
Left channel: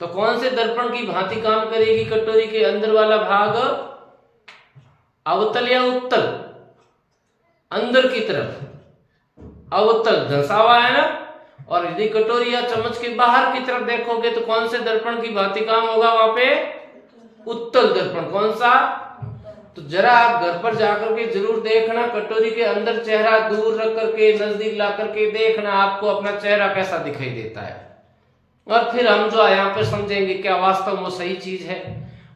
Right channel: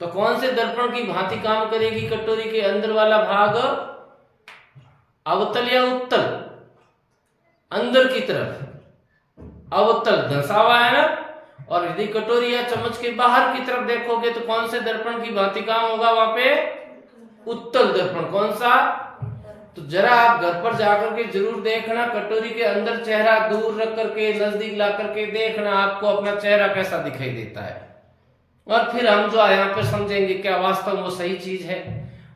तो कौन से दर्पण की भांति काम करेगी? कटोरी के अंदर वाला भाग अवतल या उत्तल? अंदर की तरफ अवतल धंसा हुआ है ना। और यदि कटोरी या चम्मच के बाहर की तरफ देखोगे तो कौन से दर्पण की भांति काम होगा वहां पे? उत्तल दर्पण। कौन सा? तो जरा आप घर पर जाकर के जरूर देखना, कटोरी के अंदर चेहरा दूर रख करके नजदीक ला करके देखना, आपको अपना चेहरा कैसा दिखाई देता है। और फिर हम जो यहाँ पर समझेंगे क्या वास्तव में वो सही चीज है।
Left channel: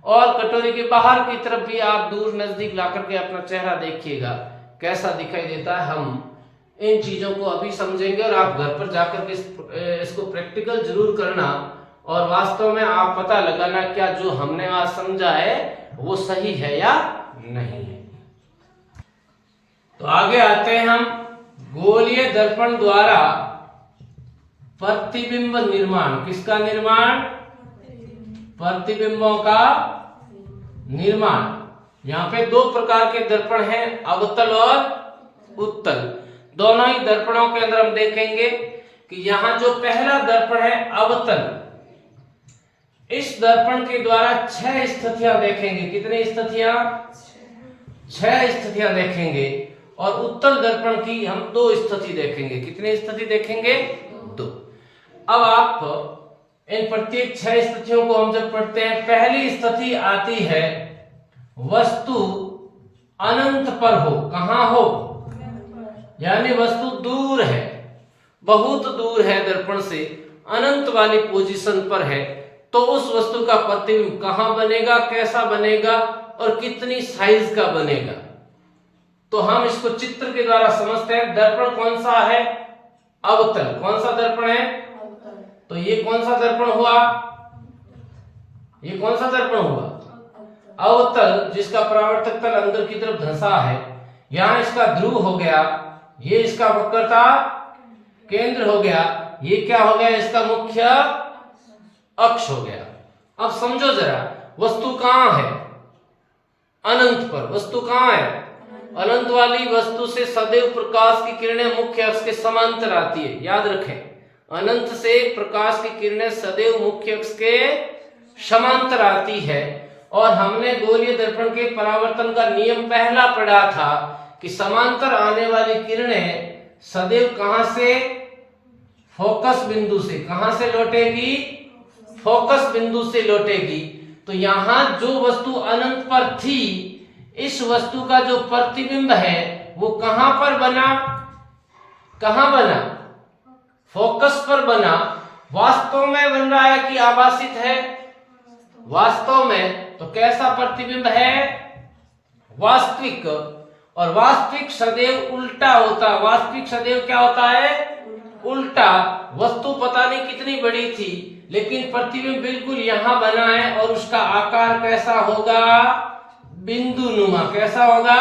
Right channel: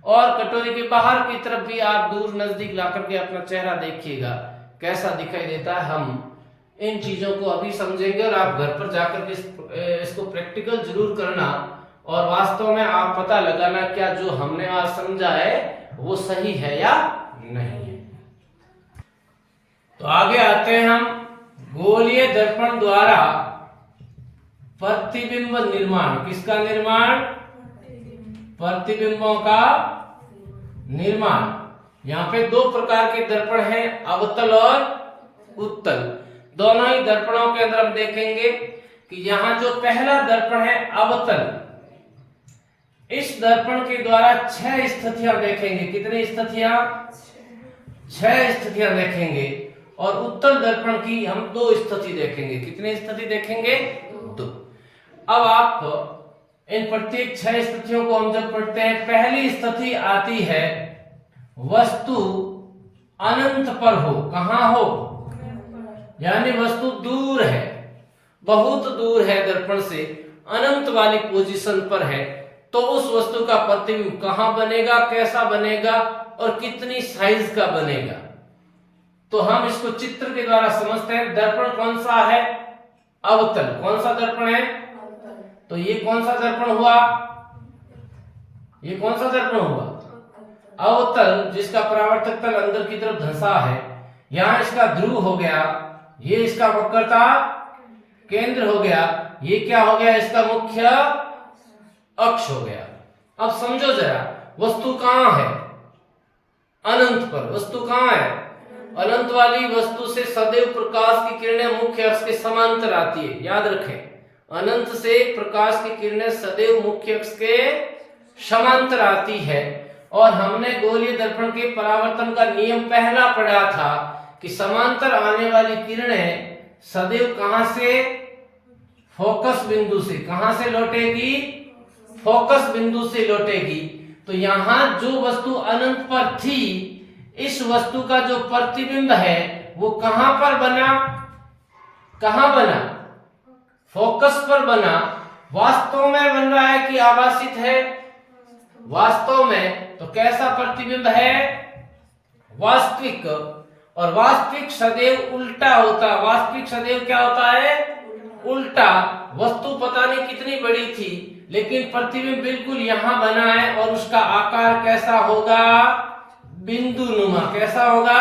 और कटोरी के बाहर की तरफ भी आप दूर नजदीक ला करके अपना चेहरा देखिएगा कैसा दिखाई देता है। हम इन चीजों को अभी समझेंगे और आप घर पर जाकर के इसको प्रैक्टिकल जरूर करना और वास्तव में आप पता लगाना क्या जो हमने आज समझा है वो सही है या नहीं है। तो आगे आते हैं हम गोलीय दर्पण द्वारा प्रतिबिंब निर्माण। किसका निर्माण? प्रतिबिंबों का निर्माण। यहाँ पे दो प्रकार के दर्पण हैं, अवतल और उत्तल। दोनों ही दर्पणों के अंदर हम देखेंगे कि यहां जो पहला दर्पण है अवतल, इस दर्पण के द्वारा 6 स्थितियां देखेंगे। कितनी स्थितियां? 6 स्थितियां देखेंगे। और उत्तल दर्पण की हम दो स्थिति देखेंगे। कितनी स्थिति देखेंगे? दो। अब आप इन प्रत्येक 6 स्थितियों को हम जब पढ़ते हैं, पहली स्थिति आती है वस्तु अनंत पर हो। कहां हो? यानी वस्तु दूर है, बहुत दूर है दर्पण से, अनंत वाली पोजीशन पर है, तो उस वस्तु का प्रतिबिंब कहां बनेगा, कैसा बनेगा और कितनी साइज का बनेगा। तो हम इसको चित्र के द्वारा समझते हैं। दर्पण कौन सा है? अवतल। कौन सा दर्पण है? तो ये कौन सा दर्पण हुआ? ये कौन सा दर्पण हुआ? अवतल, जिसका परावर्तक तल अंदर की तरफ धंसा है। यहां इसका ध्रुव हो गया, ये इसका वक्रता केंद्र हो गया, ये क्या हो गया? इसका मुख्य अक्ष हो गया। अब समझो जरा, वस्तु कहां है? अनंत पर। वस्तु कहां है? अनंत वाली वस्तु से सदैव प्रकाश की किरणें मुख्य अक्ष के समांतर आती है। याद रखें, अनंत से प्रकाश की किरणें सदैव मुख्य अक्ष के समांतर आती है। और हमने गोलीय दर्पण के परावर्तन का नियम पहला पढ़ा था कि समांतर आने वाली किरणें सदैव कहां से? फोकस बिंदु से। कहां से लौटेगी? फोकस बिंदु से लौटेगी। तो यहां जो वस्तु अनंत पर थी, इस वस्तु का जो प्रतिबिंब है वो कहां पर बना? कहां बना? फोकस पर बना। वास्तव में बन रहा है कि आभासित है? वास्तव में। तो कैसा प्रतिबिंब है? वास्तविक। और वास्तविक सदैव उल्टा होता। वास्तविक सदैव क्या होता है? उल्टा। वस्तु पता नहीं कितनी बड़ी थी, लेकिन प्रतिबिंब बिल्कुल यहां बना है और उसका आकार कैसा होगा? बिंदुनुमा। कैसा होगा?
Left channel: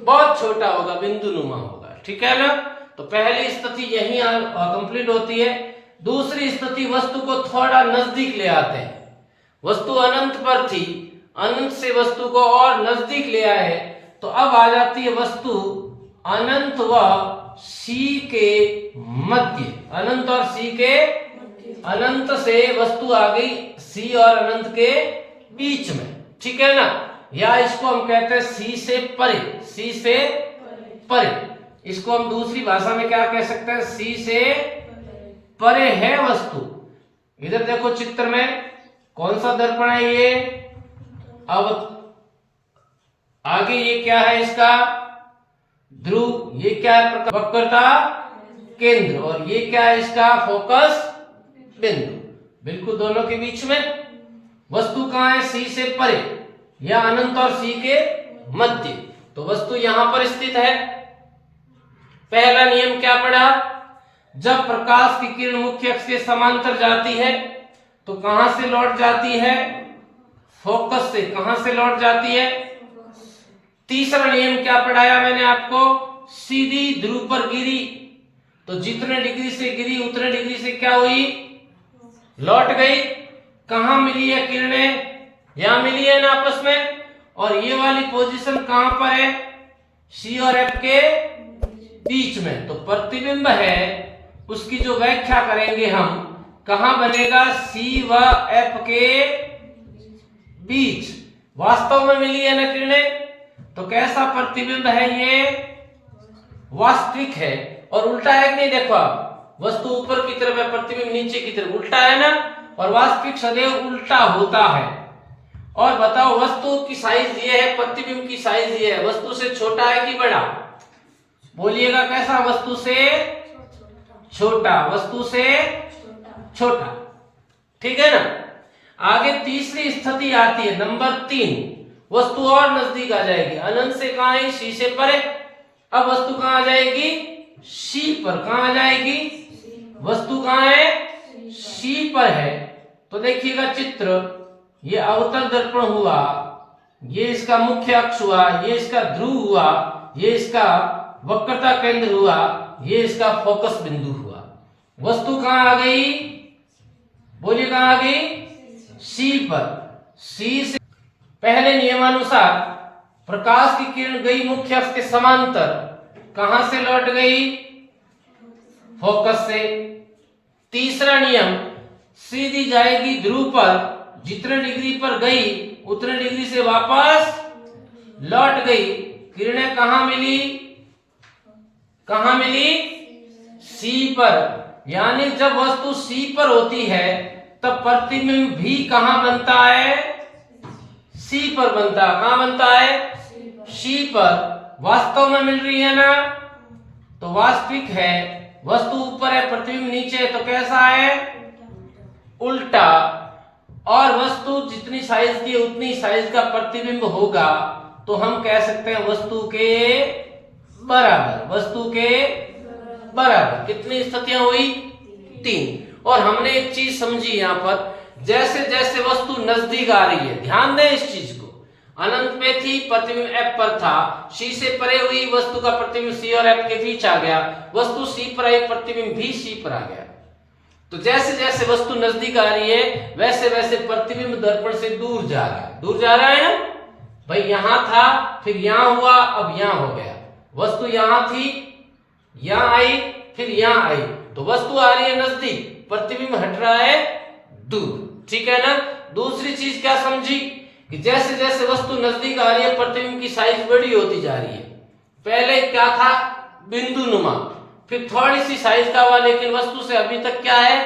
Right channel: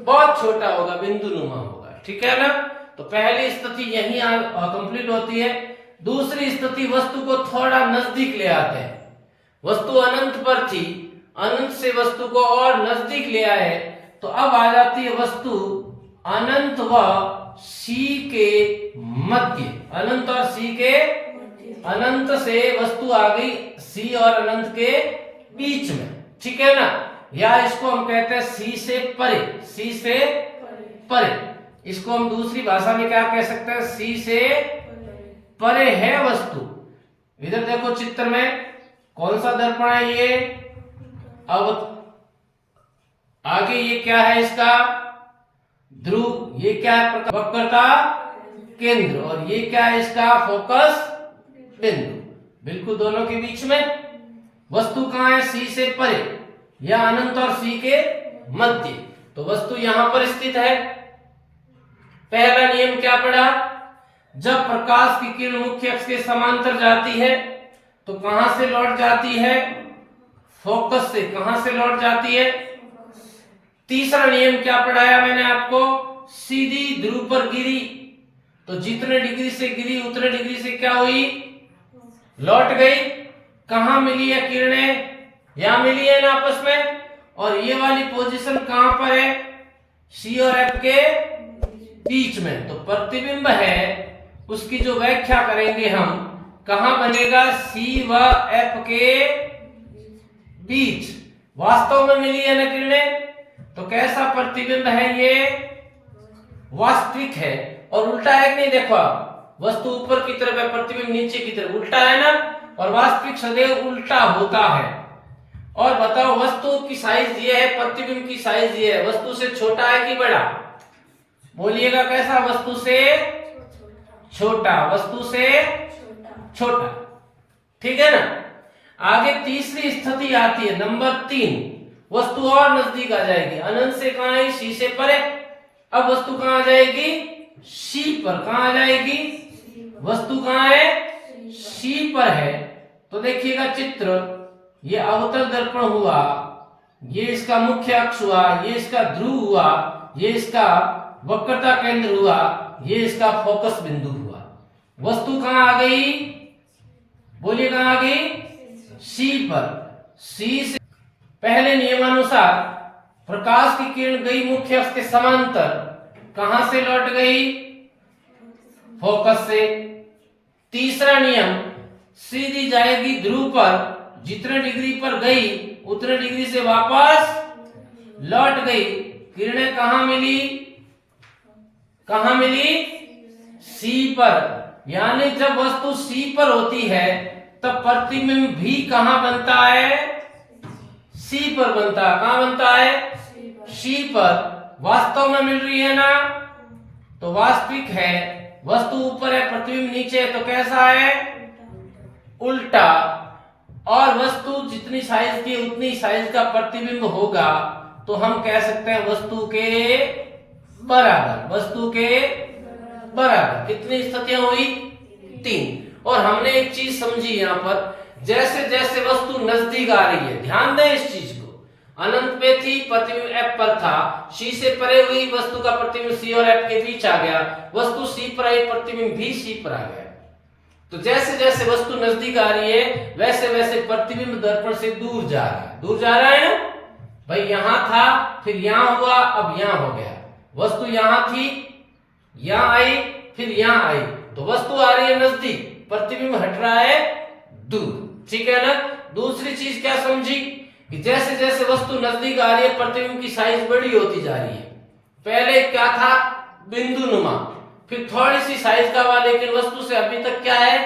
बहुत छोटा होगा, बिंदुनुमा होगा। ठीक है ना? तो पहली स्थिति यही कंप्लीट होती है। दूसरी स्थिति, वस्तु को थोड़ा नजदीक ले आते हैं। वस्तु अनंत पर थी, अनंत से वस्तु को और नजदीक ले आए, तो अब आ जाती है वस्तु अनंत व सी के मध्य। अनंत और सी के, अनंत से वस्तु आ गई सी और अनंत के बीच में। ठीक है ना? या इसको हम कहते हैं सी से परे। सी से परे। इसको हम दूसरी भाषा में क्या कह सकते हैं? सी से परे है वस्तु। इधर देखो चित्र में, कौन सा दर्पण है ये? अब आगे ये क्या है? इसका ध्रुव। ये क्या है? वक्रता केंद्र। और ये क्या है? इसका फोकस बिंदु। बिल्कुल दोनों के बीच में। वस्तु कहां है? सी से परे या अनंत और सी के मध्य। तो वस्तु यहां पर स्थित है। पहला नियम क्या पढ़ा? जब प्रकाश की किरण मुख्य अक्ष के समांतर जाती है तो कहां से लौट जाती है? फोकस से। कहां से लौट जाती है? तीसरा नियम क्या पढ़ाया मैंने आपको? सीधी ध्रुव पर गिरी तो जितने डिग्री से गिरी उतने डिग्री से क्या हुई? लौट गई। कहां मिली है किरणें? यहां मिली है ना आपस में। और ये वाली पोजीशन कहां पर है? सी और एफ के बीच में। तो प्रतिबिंब है, उसकी जो व्याख्या करेंगे हम, कहां बनेगा? सी व एफ के बीच। वास्तव में मिली है ना किरणें, तो कैसा प्रतिबिंब है ये? वास्तविक है। और उल्टा है कि नहीं? देखो आप, वस्तु ऊपर की तरफ है, प्रतिबिंब नीचे की तरफ, उल्टा है ना। और वास्तविक सदैव उल्टा होता है। और बताओ, वस्तु की साइज ये है, प्रतिबिंब की साइज ये है। वस्तु से छोटा है कि बड़ा? बोलिएगा कैसा? वस्तु से छोटा। वस्तु से छोटा। ठीक है ना? आगे तीसरी स्थिति आती है, नंबर 3। वस्तु और नजदीक आ जाएगी। अनंत से कहां है? सी से परे। अब वस्तु कहां आ जाएगी? सी पर। कहां आ जाएगी? वस्तु कहां है? सी पर है। तो देखिएगा चित्र, ये अवतल दर्पण हुआ, ये इसका मुख्य अक्ष हुआ, ये इसका ध्रुव हुआ, ये इसका वक्रता केंद्र हुआ, ये इसका फोकस बिंदु हुआ। वस्तु कहां आ गई? बोलिए कहां आ गई? सी पर। सी से पहले नियमानुसार प्रकाश की किरण गई मुख्य अक्ष के समांतर, कहां से लौट गई? फोकस से। तीसरा नियम, सीधी जाएगी ध्रुव पर, जितने डिग्री पर गई उतने डिग्री से वापस लौट गई। किरणें कहां मिली? कहां मिली? सी पर। यानी जब वस्तु सी पर होती है तब प्रतिबिंब भी कहां बनता है? सी पर बनता है। कहां बनता है? सी पर। वास्तव में मिल रही है ना? तो वास्तविक है। वस्तु ऊपर है, प्रतिबिंब नीचे है, तो कैसा है? उल्टा। और वस्तु जितनी साइज की उतनी साइज का प्रतिबिंब होगा, तो हम कह सकते हैं वस्तु के बराबर। वस्तु के बराबर। कितनी स्थितियां हुई? 3। और हमने एक चीज समझी यहां पर, जैसे जैसे वस्तु नजदीक आ रही है, ध्यान दें इस चीज को, अनंत पे थी, प्रतिबिंब एफ पर था, सी से परे हुई, वस्तु का प्रतिबिंब सी और एफ के बीच आ गया, वस्तु सी पर आई, प्रतिबिंब भी सी पर आ गया। तो जैसे जैसे वस्तु नजदीक आ रही है वैसे वैसे प्रतिबिंब दर्पण से दूर जा रहा है। दूर जा रहा है ना भाई? यहां था, फिर यहां हुआ, अब यहां हो गया। वस्तु यहां थी, यहां आई, फिर यहां आई, तो वस्तु आ रही है नजदीक, प्रतिबिंब हट रहा है दूर। ठीक है ना? दूसरी चीज क्या समझी कि जैसे जैसे वस्तु नजदीक आ रही है प्रतिबिंब की साइज बड़ी होती जा रही है। पहले क्या था? बिंदु नुमा, फिर थोड़ी सी साइज का हुआ, लेकिन वस्तु से अभी तक क्या है?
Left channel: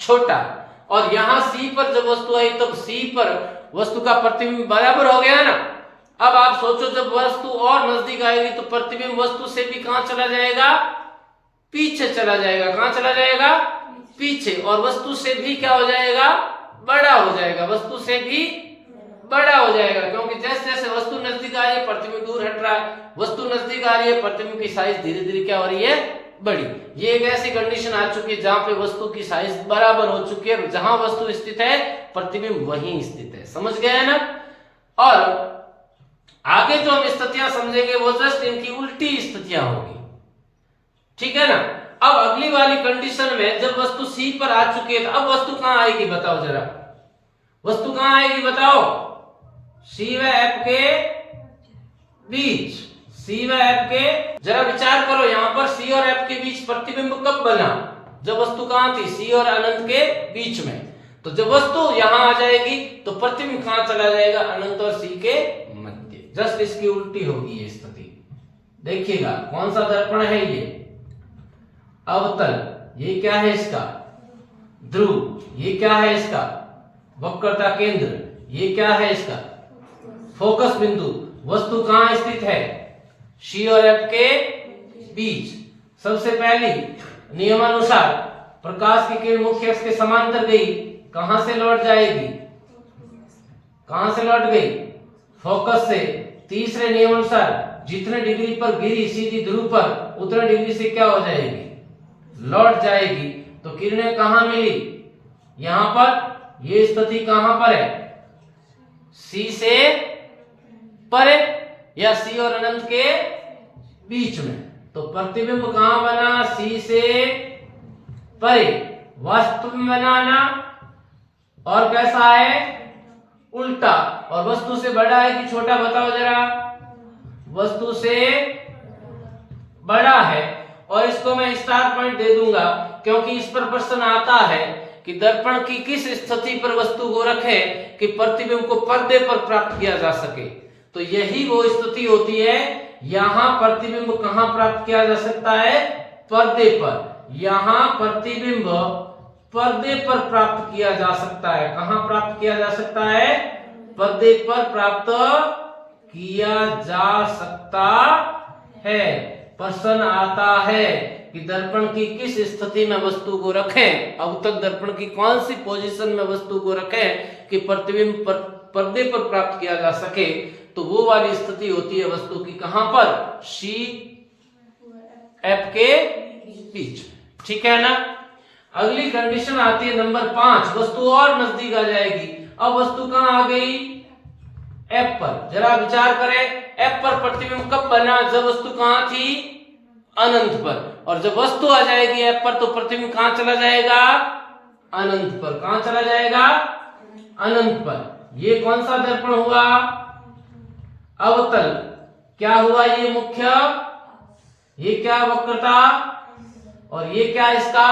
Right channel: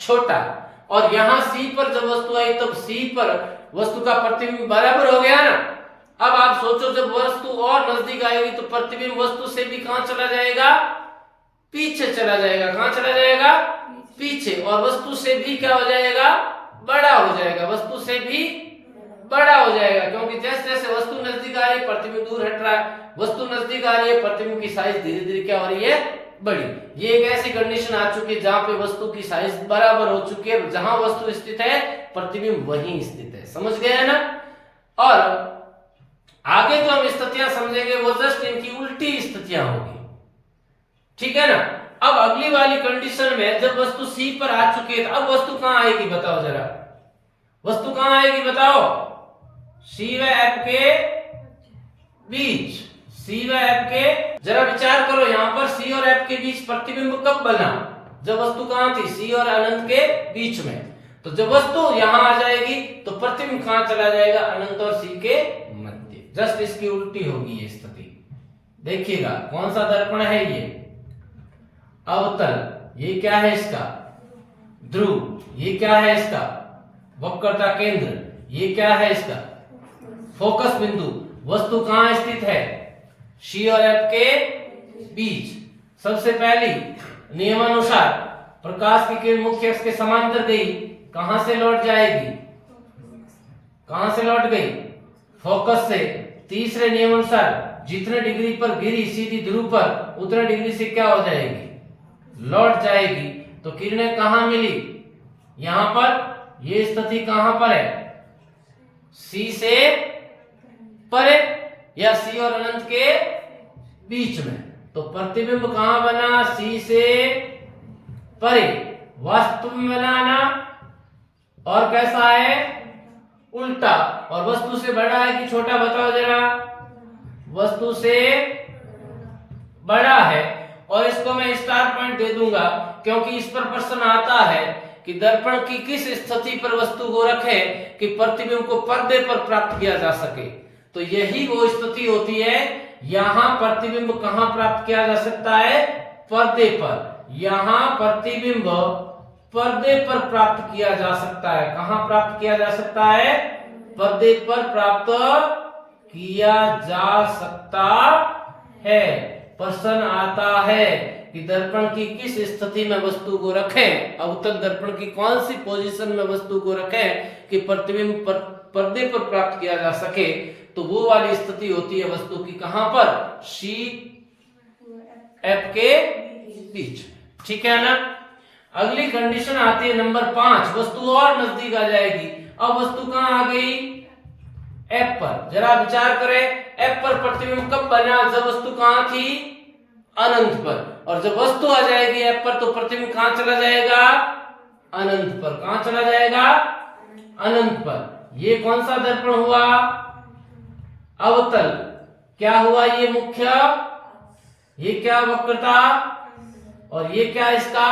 छोटा। और यहां सी पर जब वस्तु आई तब सी पर वस्तु का प्रतिबिंब बराबर हो गया ना। अब आप सोचो, जब वस्तु और नजदीक आएगी तो प्रतिबिंब वस्तु से भी कहां चला जाएगा? पीछे चला जाएगा। कहां चला जाएगा? पीछे। और वस्तु से भी क्या हो जाएगा? बड़ा हो जाएगा। वस्तु से भी बड़ा हो जाएगा, क्योंकि जैसे जैसे वस्तु नजदीक आ रही है प्रतिबिंब दूर हट रहा है। वस्तु नजदीक आ रही है, प्रतिबिंब की साइज धीरे धीरे क्या हो रही है? बड़ी। ये एक ऐसी कंडीशन आ चुकी है जहां पे वस्तु की साइज बराबर हो चुकी है। जहां वस्तु स्थित है प्रतिबिंब वहीं स्थित है। समझ गए हैं ना? और आगे जो हम स्थितियां समझेंगे वो जस्ट इनकी उल्टी स्थितियां होगी। ठीक है ना? अब अगली वाली कंडीशन में जब वस्तु सी पर आ चुकी है, तो अब वस्तु कहां आएगी बताओ जरा? वस्तु कहां आएगी बताओ? सी व एफ के बीच। सी व एफ के, जरा विचार करो, यहां पर सी और एफ के बीच प्रतिबिंब कब बना? जब वस्तु कहां थी? सी और अनंत के बीच में। तो जब वस्तु यहां आ जाएगी तो प्रतिबिंब कहां चला जाएगा? अनंत और सी के मध्य। जस्ट इसकी उल्टी होगी ये स्थिति। देखिएगा कौन सा दर्पण है ये? अवतल। ये क्या है इसका? ध्रुव। ये क्या है इसका? वक्रता केंद्र। ये क्या है इसका? फोकस बिंदु। वस्तु कहां स्थित है? सी और एफ के बीच। सबसे पहली नियमानुसार प्रकाश की किरण मुख्य अक्ष के समांतर गई, कहां से लौट जाएगी? कहां से लौट गई? फोकस से। तीसरे नियमानुसार जितने डिग्री पर गिरी सीधी ध्रुव पर, उतने डिग्री से क्या हो जाएगी? लौट जाएगी। तो किरणें कहां मिली? यहां पर। ये स्थिति कहां पर है? सी से परे या सी और अनंत के बीच में। तो प्रतिबिंब कहां बना? सी से परे। वास्तव में बनाना। और कैसा है? उल्टा। और वस्तु से बड़ा है कि छोटा बताओ जरा? वस्तु से बड़ा है। और इसको मैं स्टार पॉइंट दे दूंगा, क्योंकि इस पर प्रश्न आता है कि दर्पण की किस स्थिति पर वस्तु को रखे कि प्रतिबिंब को पर्दे पर प्राप्त किया जा सके। तो यही वो स्थिति होती है। यहां प्रतिबिंब कहां प्राप्त किया जा सकता है? पर्दे पर। यहां प्रतिबिंब पर्दे पर प्राप्त किया जा सकता है। कहां प्राप्त किया जा सकता है? पर्दे पर प्राप्त किया जा सकता है। प्रश्न आता है कि दर्पण की किस स्थिति में वस्तु को रखें, अवतल दर्पण की कौन सी पोजीशन में वस्तु को रखें कि प्रतिबिंब पर्दे पर प्राप्त किया जा सके। तो वो वाली स्थिति होती है वस्तु की कहां पर? सी एफ के बीच। ठीक है ना? अगली कंडीशन आती है नंबर 5, वस्तु और नजदीक आ जाएगी। अब वस्तु कहां आ गई? एफ पर। जरा विचार करें, एफ पर प्रतिबिंब कब बना? जब वस्तु कहां थी? अनंत पर। और जब वस्तु आ जाएगी एफ पर तो प्रतिबिंब कहां चला जाएगा? अनंत पर। कहां चला जाएगा? अनंत पर। ये कौन सा दर्पण हुआ? अवतल। क्या हुआ? ये मुख्य, ये क्या वक्रता, और ये क्या इसका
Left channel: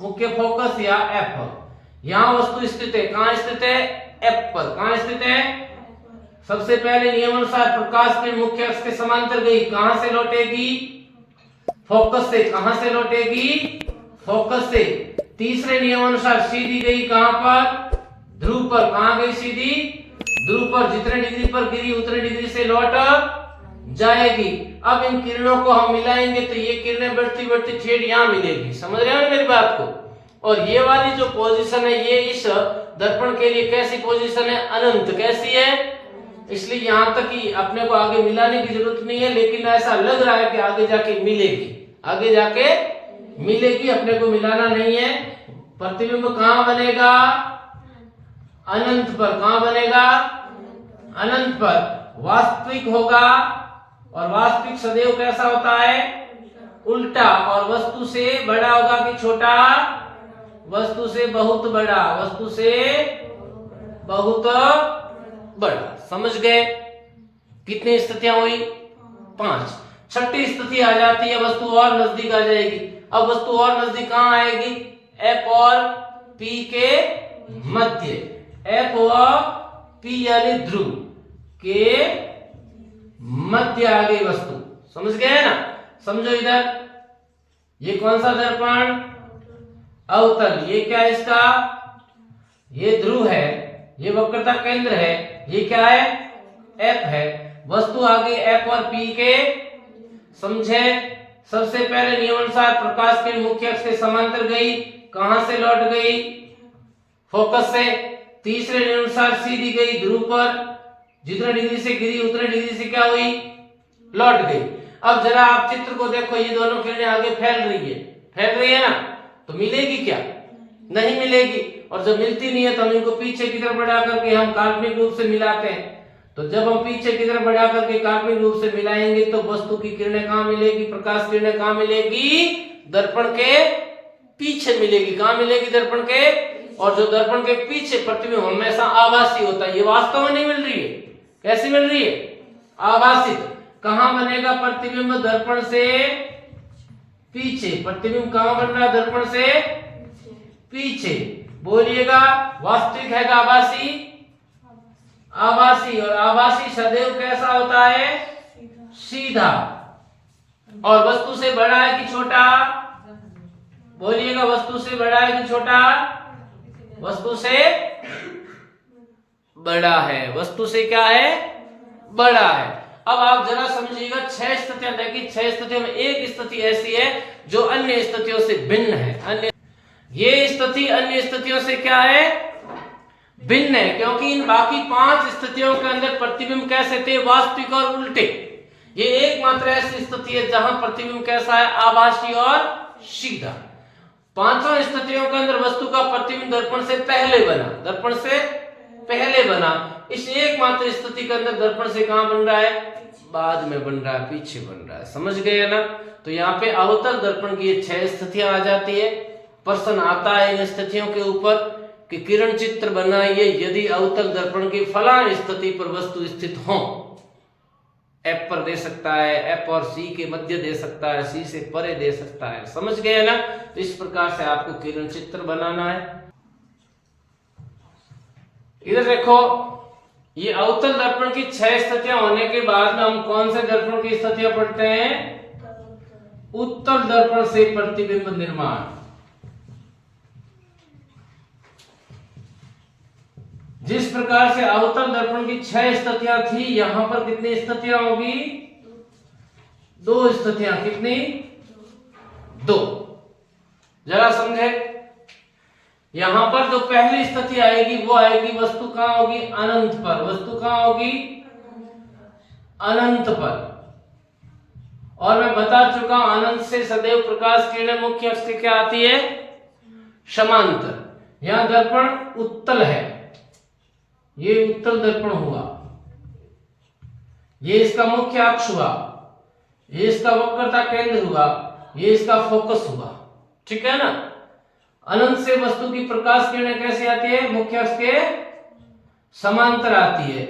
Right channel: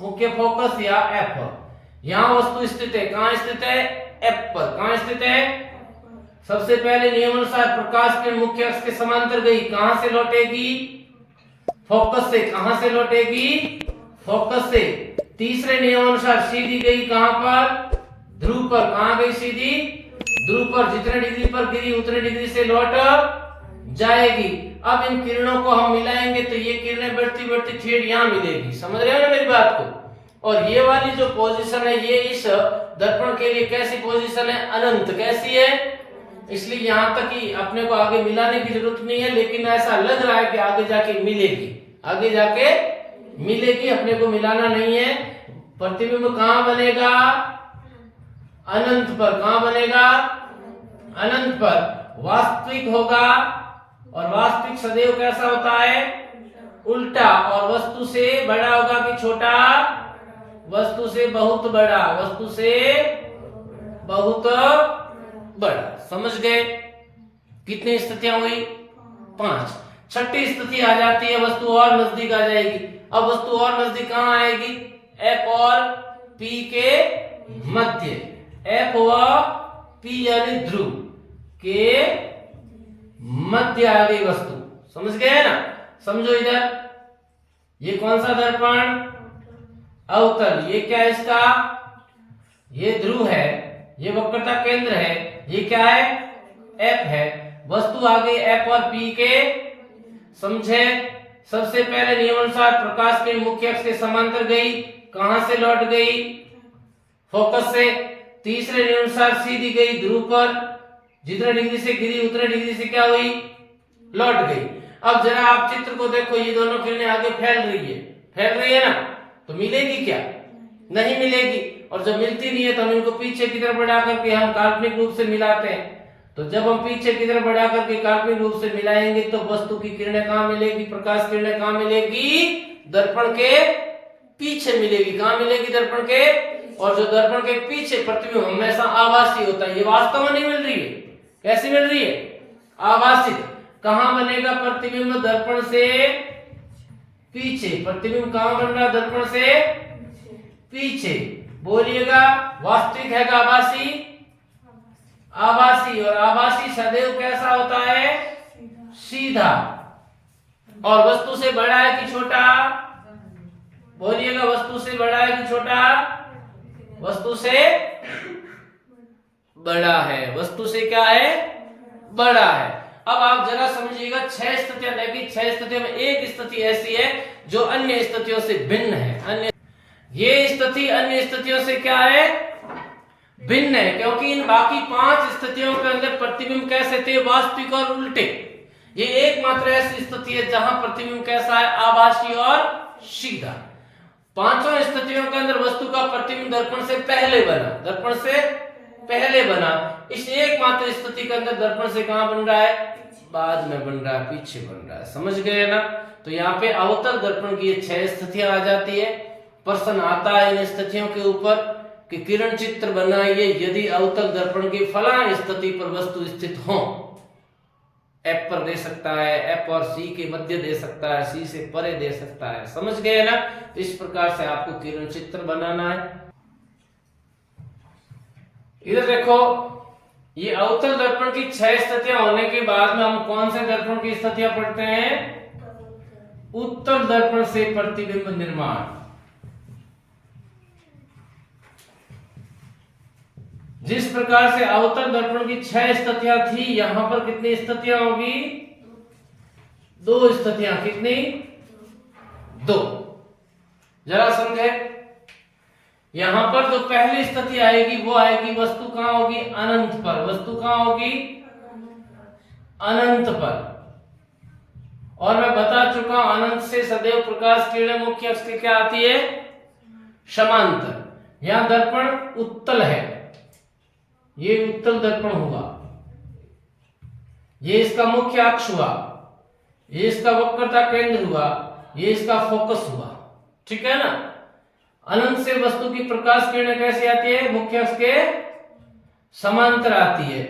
मुख्य फोकस या एफ। यहां वस्तु स्थित है। कहां स्थित है? एफ पर। कहां स्थित है? सबसे पहले नियमानुसार प्रकाश के मुख्य अक्ष के समांतर गई, कहां से लौटेगी? फोकस से कहां से लौटेगी, फोकस से। तीसरे नियम अनुसार सीधी गई कहां पर, ध्रुव पर। कहां गई सीधी, ध्रुव पर। जितने डिग्री पर गिरी उतने डिग्री से लौट जाएगी। अब इन किरणों को हम मिलाएंगे तो ये किरणें बढ़ती बढ़ती ठेठ यहां मिलेगी। समझ रहे हो ना मेरी बात को। और ये वाली जो पोजीशन है ये इस दर्पण के लिए कैसी पोजीशन है, अनंत। कैसी है, इसलिए यहां तक ही अपने को आगे मिलाने की जरूरत नहीं है, लेकिन ऐसा लग रहा है कि आगे जाके मिलेगी, आगे जाके मिलेगी, अपने को मिलाना नहीं है। प्रतिबिंब कहां बनेगा, अनंत पर। कहां बनेगा, अनंत पर। वास्तविक होगा, और वास्तविक सदैव कैसा होता है, उल्टा। और वस्तु से बड़ा होगा कि छोटा, वस्तु से बहुत बड़ा, वस्तु से बहुत बड़ा। समझ गए, कितनी स्थितियां हुई, 5। छठी स्थिति आ जाती है, वस्तु और नजदीक आ जाएगी। अब वस्तु और नजदीक कहां आएगी, F और P के मध्य। F व P यानी ध्रुव के मध्य आ गई वस्तु। समझ गए ना। समझो इधर, ये कौन सा दर्पण, अवतल। ये क्या है इसका, ये ध्रुव है, ये वक्रता केंद्र है, ये क्या है, F है। वस्तु आ गई F और P के। समझे, सबसे पहले नियमानुसार प्रकाश के मुख्य अक्ष के समांतर गई, कहां से लौट गई, फोकस से। तीसरे नियमानुसार सीधी गई ध्रुव पर, जितने डिग्री से गिरी उतने डिग्री से क्या हुई, लौट गई। अब जरा आप चित्र को देखो, ये दोनों किरणें आगे फैल रही है ना, तो मिलेगी क्या, नहीं मिलेगी। और जब मिलती नहीं है तो हम इनको पीछे की तरफ बढ़ा करके हम काल्पनिक रूप से मिलाते हैं। तो जब हम पीछे की तरफ बढ़ा करके काल्पनिक रूप से मिलाएंगे तो वस्तु की किरणें कहां मिलेगी, प्रकाश किरणें कहां मिलेगी, दर्पण के पीछे मिलेगी। कहां मिलेगी, दर्पण के। और जो दर्पण के पीछे प्रतिबिंब हमेशा आभासी होता है, ये वास्तव में नहीं मिल रही है। कैसी मिल रही है, आभासित। कहां बनेगा प्रतिबिंब, दर्पण से पीछे। प्रतिबिंब कहां बन रहा है, दर्पण से पीछे। बोलिएगा, वास्तविक है आभासी, आभासी। और आभासी सदैव कैसा होता है, सीधा। और वस्तु से बड़ा है कि छोटा, बोलिएगा, वस्तु से बड़ा है कि छोटा, वस्तु से बड़ा है। वस्तु से क्या है, बड़ा है। अब आप जरा समझिएगा, 6 स्थितियां देखी। 6 स्थितियों में एक स्थिति ऐसी है जो अन्य स्थितियों से भिन्न है। ये स्थिति अन्य स्थितियों से क्या है, भिन्न है, क्योंकि इन बाकी 5 स्थितियों के अंदर प्रतिबिंब कैसे थे, वास्तविक और उल्टे। ये एकमात्र ऐसी स्थिति है जहां प्रतिबिंब कैसा है, आभासी और सीधा। 5 स्थितियों के अंदर वस्तु का प्रतिबिंब दर्पण से पहले बना, दर्पण से पहले बना। इस एकमात्र स्थिति के अंदर दर्पण से कहां बन रहा है, बाद में बन रहा है, पीछे बन रहा है। समझ गए ना। तो यहाँ पे अवतल दर्पण की 6 स्थितियां आ जाती है। प्रश्न आता है इन स्थितियों के ऊपर कि किरण चित्र बनाइए यदि अवतल दर्पण की फलां स्थिति पर वस्तु स्थित हो। F पर दे सकता है, F और C के मध्य दे सकता है, C से परे दे सकता है। समझ गए ना। तो इस प्रकार से आपको किरण चित्र बनाना है। इधर देखो, ये अवतल दर्पण की 6 स्थितियां होने के बाद में हम कौन से दर्पण की स्थितियां पढ़ते हैं, उत्तल दर्पण से प्रतिबिंब निर्माण। जिस प्रकार से अवतल दर्पण की 6 स्थितियां थी, यहां पर कितनी स्थितियां होगी, 2 स्थितियां। कितनी, 2। जरा समझे, यहां पर जो पहली स्थिति आएगी वो आएगी, वस्तु कहां होगी, अनंत पर। वस्तु कहां होगी, अनंत पर। और मैं बता चुका हूं, अनंत से सदैव प्रकाश किरणें मुख्य अक्ष से क्या आती है, समांतर। यहां दर्पण उत्तल है, ये उत्तल दर्पण हुआ, ये इसका मुख्य अक्ष हुआ, ये इसका वक्रता केंद्र हुआ, ये इसका फोकस हुआ। ठीक है ना। अनंत से वस्तु की प्रकाश किरणें कैसी आती है, मुख्य अक्ष के समांतर आती है।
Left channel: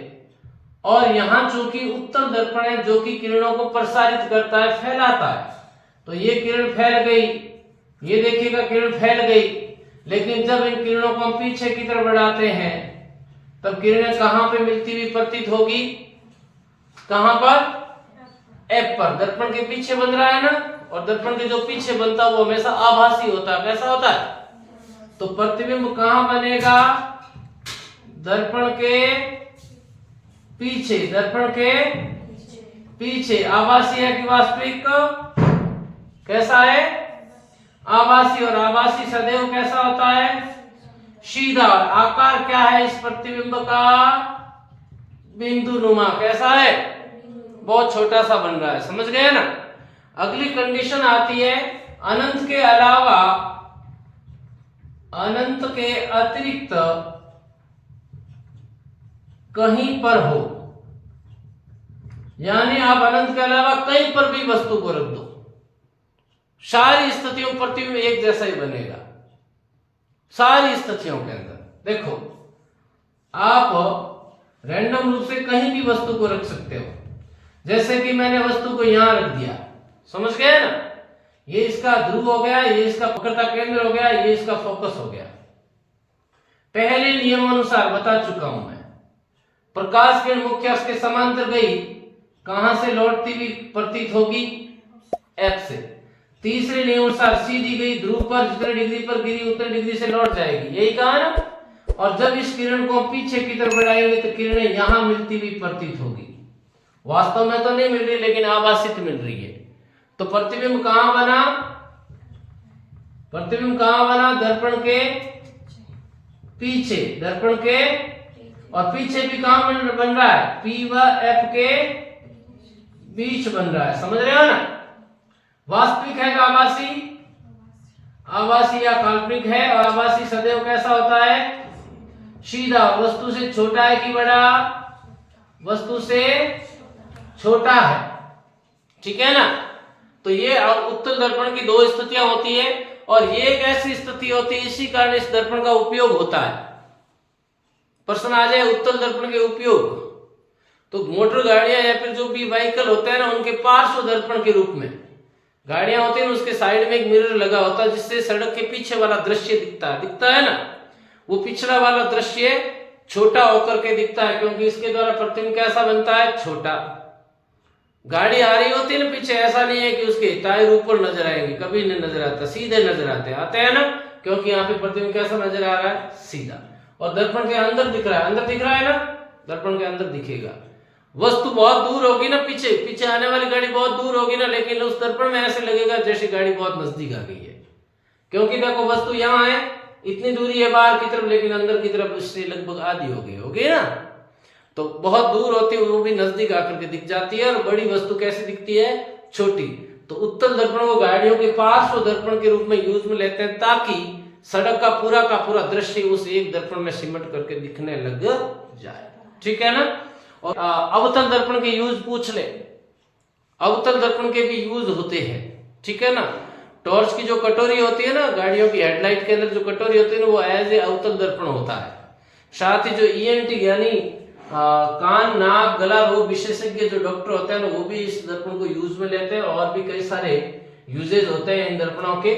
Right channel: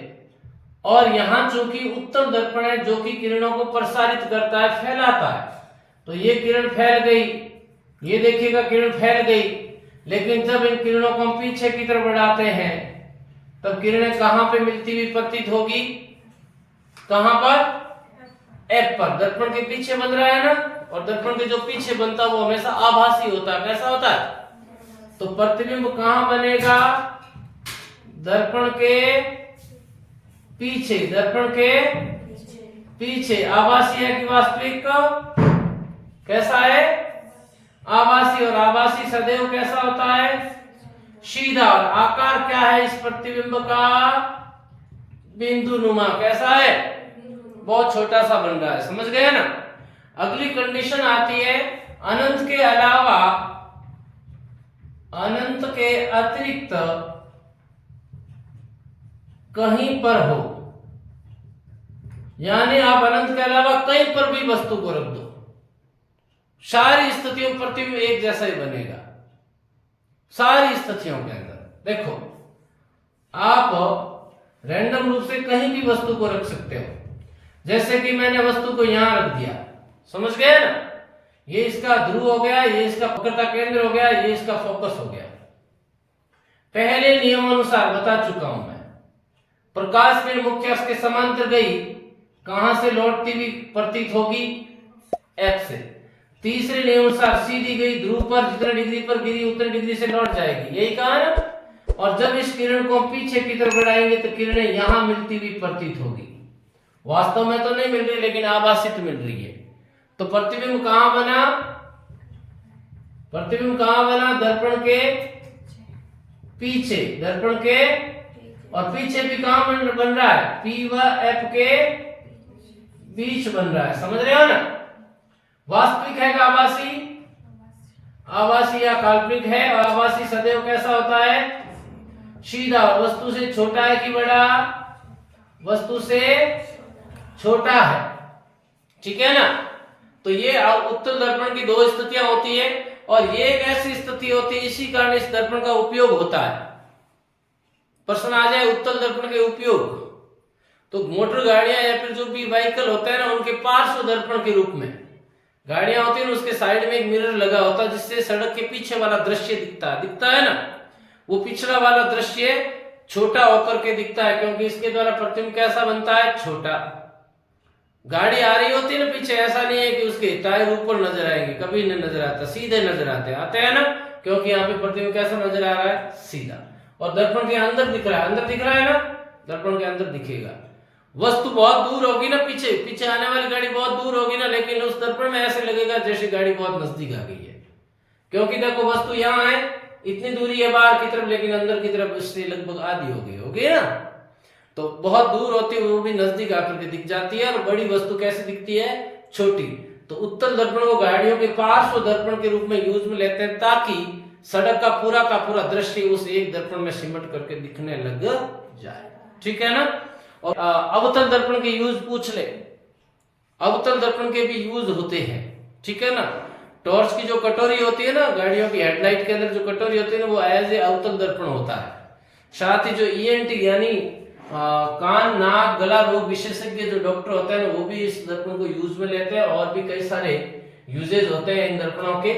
और यहां चूंकि उत्तल दर्पण है जो कि किरणों को प्रसारित करता है, फैलाता है, तो ये किरण फैल गई, ये देखिएगा किरण फैल गई। लेकिन जब इन किरणों को हम पीछे की तरफ बढ़ाते हैं तब किरणें कहां पे मिलती हुई प्रतीत होगी, कहां पर, F पर। दर्पण के पीछे बन रहा है ना, और दर्पण के जो पीछे बनता है वो हमेशा आभासी होता है। कैसा होता है? तो प्रतिबिंब कहां बनेगा? दर्पण के पीछे। दर्पण के पीछे। आभासी है कि वास्तविक? कैसा है? आभासी। और आभासी सदैव कैसा होता है? सीधा। और आकार क्या है इस प्रतिबिंब का? बिंदु नुमा। कैसा है? बहुत छोटा सा बन रहा है। समझ गए ना? अगली कंडीशन आती है अनंत के अलावा, अनंत के अतिरिक्त कहीं पर हो, यानी आप अनंत के अलावा कहीं पर भी वस्तु को रख दो, सारी स्थितियों प्रतिबिंब एक जैसा ही बनेगा। सारी स्थितियों के अंदर देखो, आप रैंडम रूप से कहीं भी वस्तु को रख सकते हो। जैसे कि मैंने वस्तु को यहां रख दिया, समझ गए ना? ये इसका ध्रुव हो गया, ये इसका पकड़ता केंद्र हो गया, ये इसका फोकस हो गया। पहले नियम अनुसार बता चुका हूं मैं, प्रकाश किरण मुख्य अक्ष के समांतर गई, कहां से लौटती हुई प्रतीत होगी? F से। तीसरे नियम अनुसार सीधी गई, ध्रुव पर जितने डिग्री पर गिरी उतने डिग्री से लौट जाएगी। यही कहा ना? और जब इस किरण को पीछे की तरफ बढ़ाएंगे तो किरणें यहां मिलती हुई प्रतीत होगी। वास्तव में तो नहीं मिल रही, लेकिन आभासित मिल रही है। तो प्रतिबिंब कहां बना? प्रतिबिंब कहां बना? दर्पण के पीछे। दर्पण के और पीछे भी कहां बन रहा है? P व F के बीच बन रहा है। समझ रहे हो ना? वास्तविक है कि आभासी? आभासी या काल्पनिक है। और आभासी सदैव कैसा होता है? सीधा। और वस्तु से छोटा है कि बड़ा? वस्तु से छोटा है। ठीक है ना? तो ये उत्तल दर्पण की दो स्थितियां होती है, और ये एक ऐसी स्थिति होती है, इसी कारण इस दर्पण का उपयोग होता है। प्रश्न आ जाए उत्तल दर्पण के उपयोग, तो मोटर गाड़ियां या फिर जो भी व्हीकल होता है ना, उनके पार्श्व दर्पण के रूप में गाड़ियां होती है ना, उसके साइड में एक मिरर लगा होता है, जिससे सड़क के पीछे वाला दृश्य दिखता है ना, वो पिछड़ा वाला दृश्य छोटा होकर के दिखता है, क्योंकि इसके द्वारा प्रतिबिंब कैसा बनता है? छोटा। गाड़ी आ रही होती है ना पीछे, ऐसा नहीं है कि उसके टायर ऊपर नजर आएंगे, कभी नहीं नजर आता, सीधे नजर आते हैं ना, क्योंकि यहाँ पे प्रतिबिंब कैसा नजर आ रहा है? सीधा। और दर्पण के अंदर दिख रहा है, अंदर दिख रहा है ना, दर्पण के अंदर दिखेगा। वस्तु बहुत दूर होगी ना, पीछे आने वाली गाड़ी बहुत दूर होगी ना, लेकिन उस दर्पण में ऐसे लगेगा जैसे गाड़ी बहुत नजदीक आ गई है, क्योंकि देखो वस्तु यहाँ है, इतनी दूरी है बाहर की तरफ, लेकिन अंदर की तरफ उससे लगभग आधी हो गई होगी ना। तो बहुत दूर होती है वो भी नजदीक आकर के दिख जाती है, और बड़ी वस्तु कैसी दिखती है? छोटी। तो उत्तल दर्पण को गाड़ियों के पार्श्व दर्पण के रूप में यूज में लेते हैं, ताकि सड़क का पूरा दृश्य उस एक दर्पण में सिमट करके दिखने लग जाए। ठीक है ना? और अवतल दर्पण के यूज पूछ ले। अवतल दर्पण के भी यूज होते हैं। ठीक है ना? टॉर्च की जो कटोरी होती है ना, गाड़ियों की हेडलाइट के अंदर जो कटोरी होती है ना, वो एज ए अवतल दर्पण होता है। साथ ही जो ENT यानी कान नाक गला रोग विशेषज्ञ जो डॉक्टर होते हैं ना, वो भी इस दर्पण को यूज में लेते हैं, और भी कई सारे यूजेज होते हैं इन दर्पणों के।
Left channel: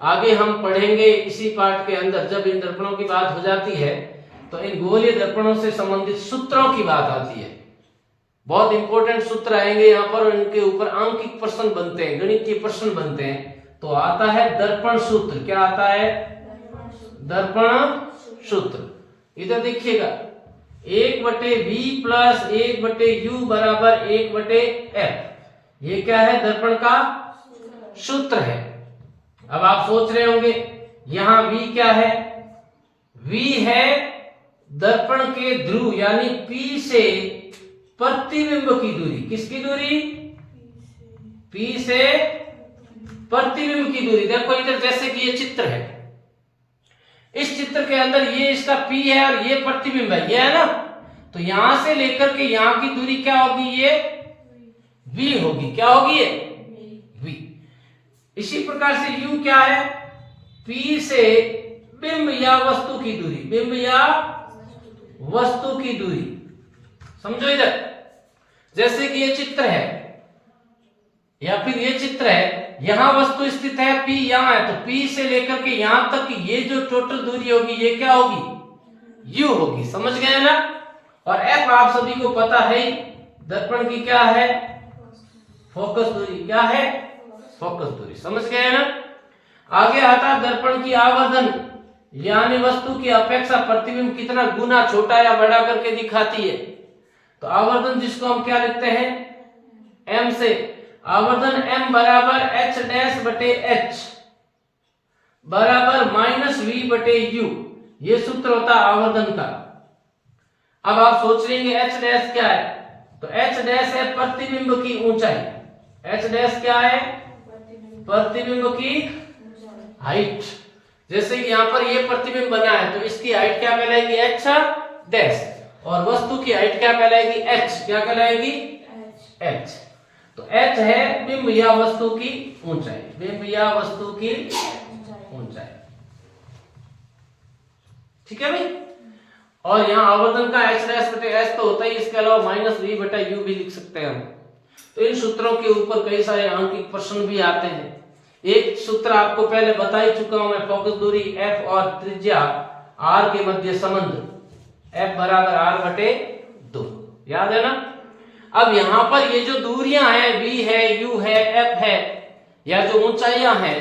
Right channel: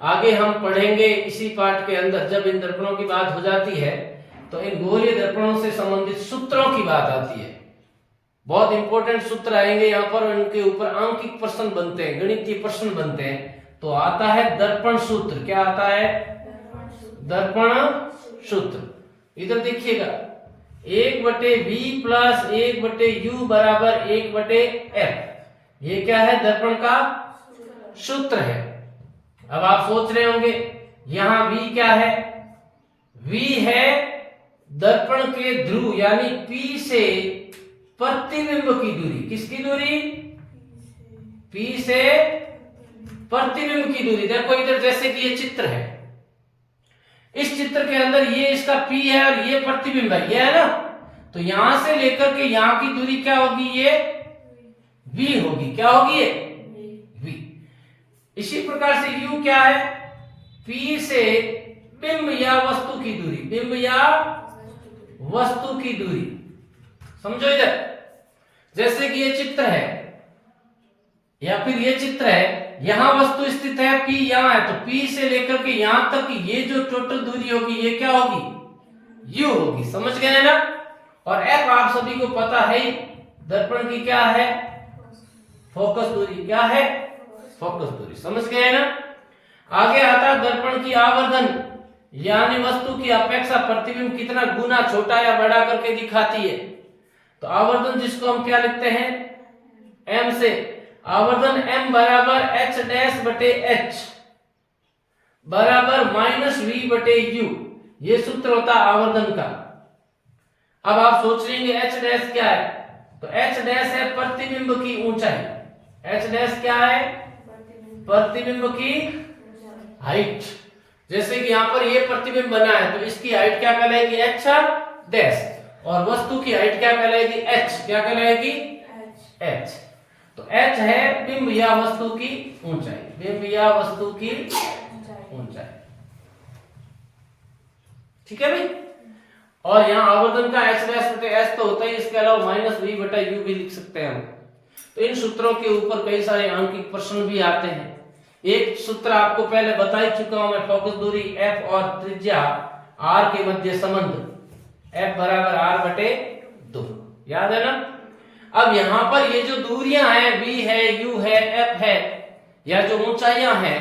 आगे हम पढ़ेंगे इसी पार्ट के अंदर, जब इन दर्पणों की बात हो जाती है तो इन गोलीय दर्पणों से संबंधित सूत्रों की बात आती है। बहुत इंपॉर्टेंट सूत्र आएंगे यहाँ पर, इनके ऊपर अंकित प्रश्न बनते हैं, गणितीय प्रश्न बनते हैं। तो आता है दर्पण सूत्र। क्या आता है? दर्पण सूत्र। इधर देखिएगा, 1/V प्लस 1/U बराबर 1/F। ये क्या है? दर्पण का सूत्र है। अब आप सोच रहे होंगे यहां V क्या है? V है दर्पण के ध्रुव यानी P से प्रतिबिंब की दूरी। किसकी दूरी? P से प्रतिबिंब की दूरी। देखो इधर जैसे कि ये चित्र है, इस चित्र के अंदर ये इसका P है और ये प्रतिबिंब है, ये है ना। तो यहां से लेकर के यहां की दूरी क्या होगी? ये V होगी। क्या होगी? ये V। इसी प्रकार से U क्या है? P से बिंब या वस्तु की दूरी। बिंब या वस्तु की दूरी। समझो इधर, जैसे कि ये चित्र है या फिर ये चित्र है, यहां वस्तु स्थित है, P यहां है, तो P से लेकर के यहां तक की ये जो टोटल दूरी होगी ये क्या होगी? U होगी। समझ गए ना? और F आप सभी को पता है, दर्पण की क्या है? फोकस दूरी। क्या है? फोकस दूरी। समझ गए ना। आगे आता है दर्पण की आवर्धन, यानी वस्तु की अपेक्षा प्रतिबिंब कितना गुना छोटा या बड़ा करके दिखाती है। तो आवर्धन जिसको हम क्या लिखते हैं, m से, आवर्धन m बराबर h डैश बटे h बराबर माइनस v बटे u, ये सूत्र होता है आवर्धन का। अब आप सोच लेंगे h डैश क्या है, तो h डैश है प्रतिबिंब की ऊंचाई। h डैश क्या है, प्रतिबिंब की हाइट। जैसे कि यहाँ पर ये प्रतिबिंब बना है तो इसकी हाइट क्या कहलाएगी, h डैश, और वस्तु की हाइट क्या कहलाएगी, h, क्या कहलाएगी, h। तो h है बिंब या वस्तु की ऊंचाई, बिंब या वस्तु की ऊंचाई। ठीक है भाई। और यहाँ आवर्धन का h डैश बटे h तो होता ही, इसके अलावा माइनस v बटा u भी लिख सकते हैं हम। तो इन सूत्रों के ऊपर कई सारे अंकित प्रश्न भी आते हैं। एक सूत्र आपको पहले बता ही चुका हूं मैं, फोकस दूरी f और त्रिज्या r के मध्य संबंध, f बराबर r बटे 2, याद है ना। अब यहाँ पर ये जो दूरियां हैं, v है, u है, f है, या जो ऊंचाइयां हैं,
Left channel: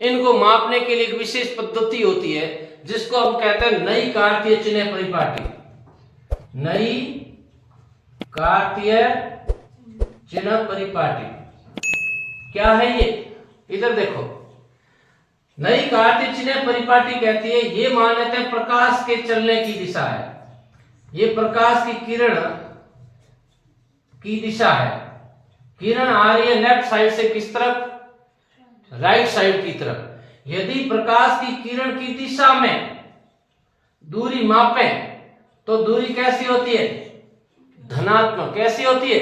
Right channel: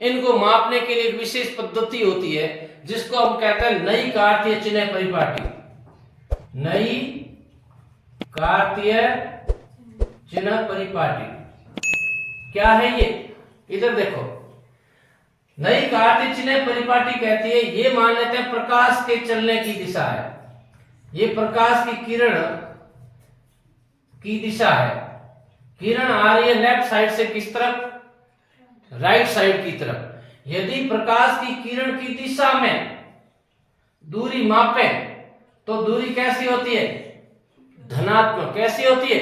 इनको मापने के लिए एक विशेष पद्धति होती है जिसको हम कहते हैं नई कार्तीय चिन्ह परिपाटी। नई कार्तीय चिन्ह परिपाटी क्या है ये, इधर देखो। नई कार्तीय चिन्ह परिपाटी कहती है, ये मान लेते हैं प्रकाश के चलने की दिशा है, ये प्रकाश की किरण की दिशा है। किरण आ रही है लेफ्ट साइड से किस तरफ, राइट साइड की तरफ। यदि प्रकाश की किरण की दिशा में दूरी मापें तो दूरी कैसी होती है, धनात्मक। कैसी होती है,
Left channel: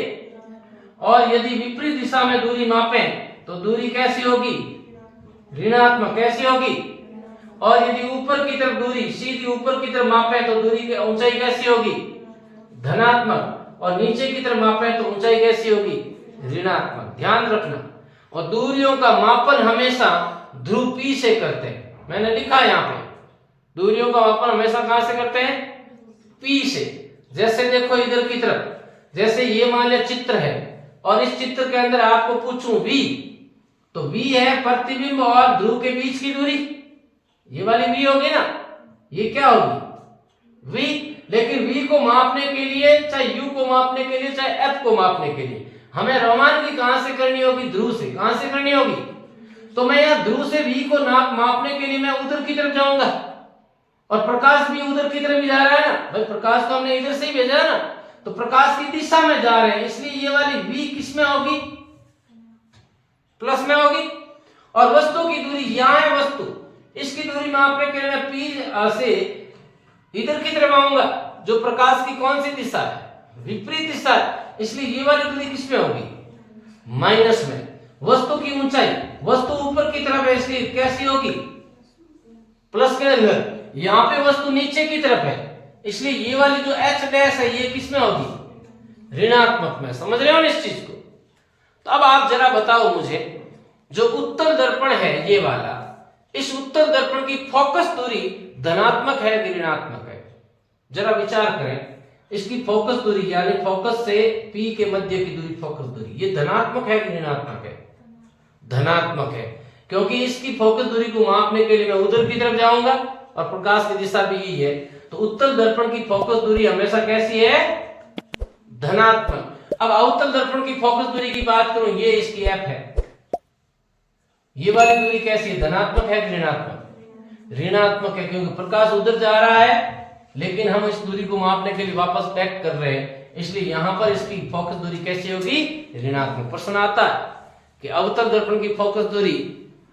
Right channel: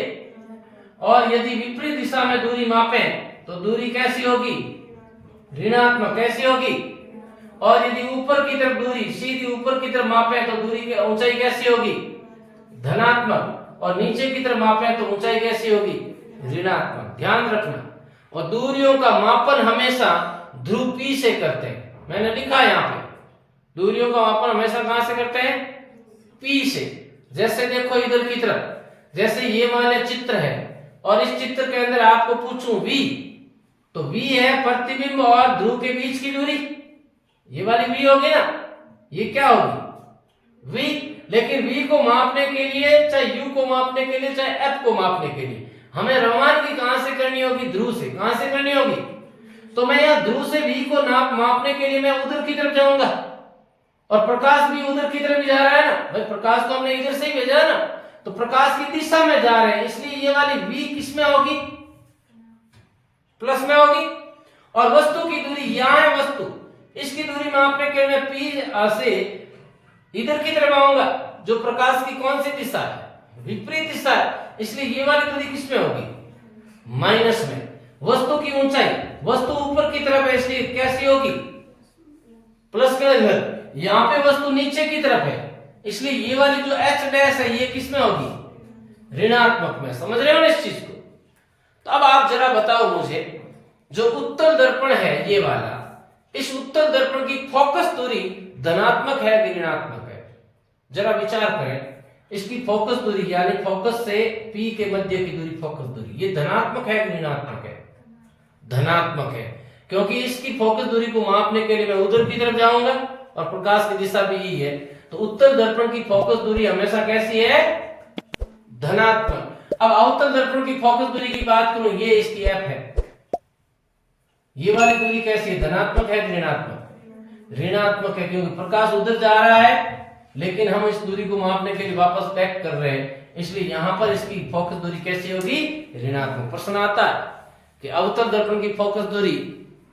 और यदि विपरीत दिशा में दूरी मापें तो दूरी कैसी होगी, ऋणात्मक। कैसी होगी, और यदि ऊपर की तरफ दूरी सीधी ऊपर की तरफ मापें तो दूरी की ऊंचाई कैसी होगी, धनात्मक, और नीचे की तरफ मापें तो ऊंचाई कैसी होगी, ऋणात्मक। ध्यान रखना। और दूरियों का मापन हमेशा ध्रुव P से करते हैं, मैंने लिखा यहाँ पे, दूरियों का मापन हमेशा कहां से करते हैं, P से। जैसे देखो इधर की तरफ, जैसे ये मान लिया चित्र है, और इस चित्र के अंदर आपको पूछूं V, तो V है प्रतिबिंब और ध्रुव के बीच की दूरी, ये वाली V होगी ना, ये क्या होगी, V। लेकिन V को मापने के लिए, चाहे U को मापने के लिए, चाहे F को मापने के लिए, हमें रवानगी कहां से करनी होगी, ध्रुव से। कहां से करनी होगी, तो मैं यहां ध्रुव से V को मापने के लिए मैं उधर की तरफ जाऊंगा, और प्रकाश भी उधर की तरफ ही जा रहा है ना भाई, प्रकाश को हमने इधर से ही भेजा है ना, तो प्रकाश की दिशा में जा रहे हैं, इसलिए ये वाली V किस में होगी, प्लस में होगी। और वस्तु की दूरी यहां है, वस्तु, इसकी दूरी मापने के लिए मैं P से इधर की तरफ आऊंगा, जो प्रकाश की कौन सी दिशा है, विपरीत दिशा है, इसलिए ये वाली दूरी किस में होगी, माइनस में। वस्तु की ऊंचाई, वस्तु ऊपर की तरफ है इसलिए कैसी होगी, प्लस के अंदर। यहां पे वस्तु नीचे की तरफ है इसलिए ये वाली जो h डैश है ये किस में होगी, ऋणात्मक में। समझ रहे हो इस चीज को। तो अब आप जरा बताओ मुझे, जो उत्तल दर्पण है ये वाला, इस उत्तल दर्पण की फोकस दूरी धनात्मक है कि ऋणात्मक है, जरा विचार करें। इसकी फोकस दूरी यानी फोकस से P के मध्य की दूरी, फोकस दूरी, ये धनात्मक है कि ऋणात्मक है, धनात्मक है, क्योंकि इसकी फोकस दूरी को मापने के लिए मैं उधर की तरफ जाऊंगा और प्रकाश की दिशा भी यही है। तो उत्तल दर्पण की फोकस दूरी हमेशा कैसी है, धनात्मक। अब अवतल दर्पण की फोकस दूरी की बात करूं, ये इसकी F है, ये वाली दूरी कैसी है, धनात्मक है कि ऋणात्मक, ऋणात्मक है, क्योंकि प्रकाश उधर जा रहा है लेकिन हम इस दूरी को मापने के लिए वापस बैक कर रहे हैं, इसलिए यहां पर इसकी फोकस दूरी कैसी होगी, ऋणात्मक। प्रश्न आता है कि अवतल दर्पण की फोकस दूरी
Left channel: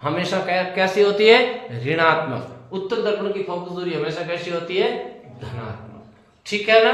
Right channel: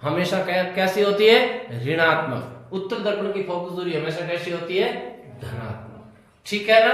हमेशा कैसी होती है, ऋणात्मक। उत्तल दर्पण की फोकस दूरी हमेशा कैसी होती है, धनात्मक। ठीक है ना।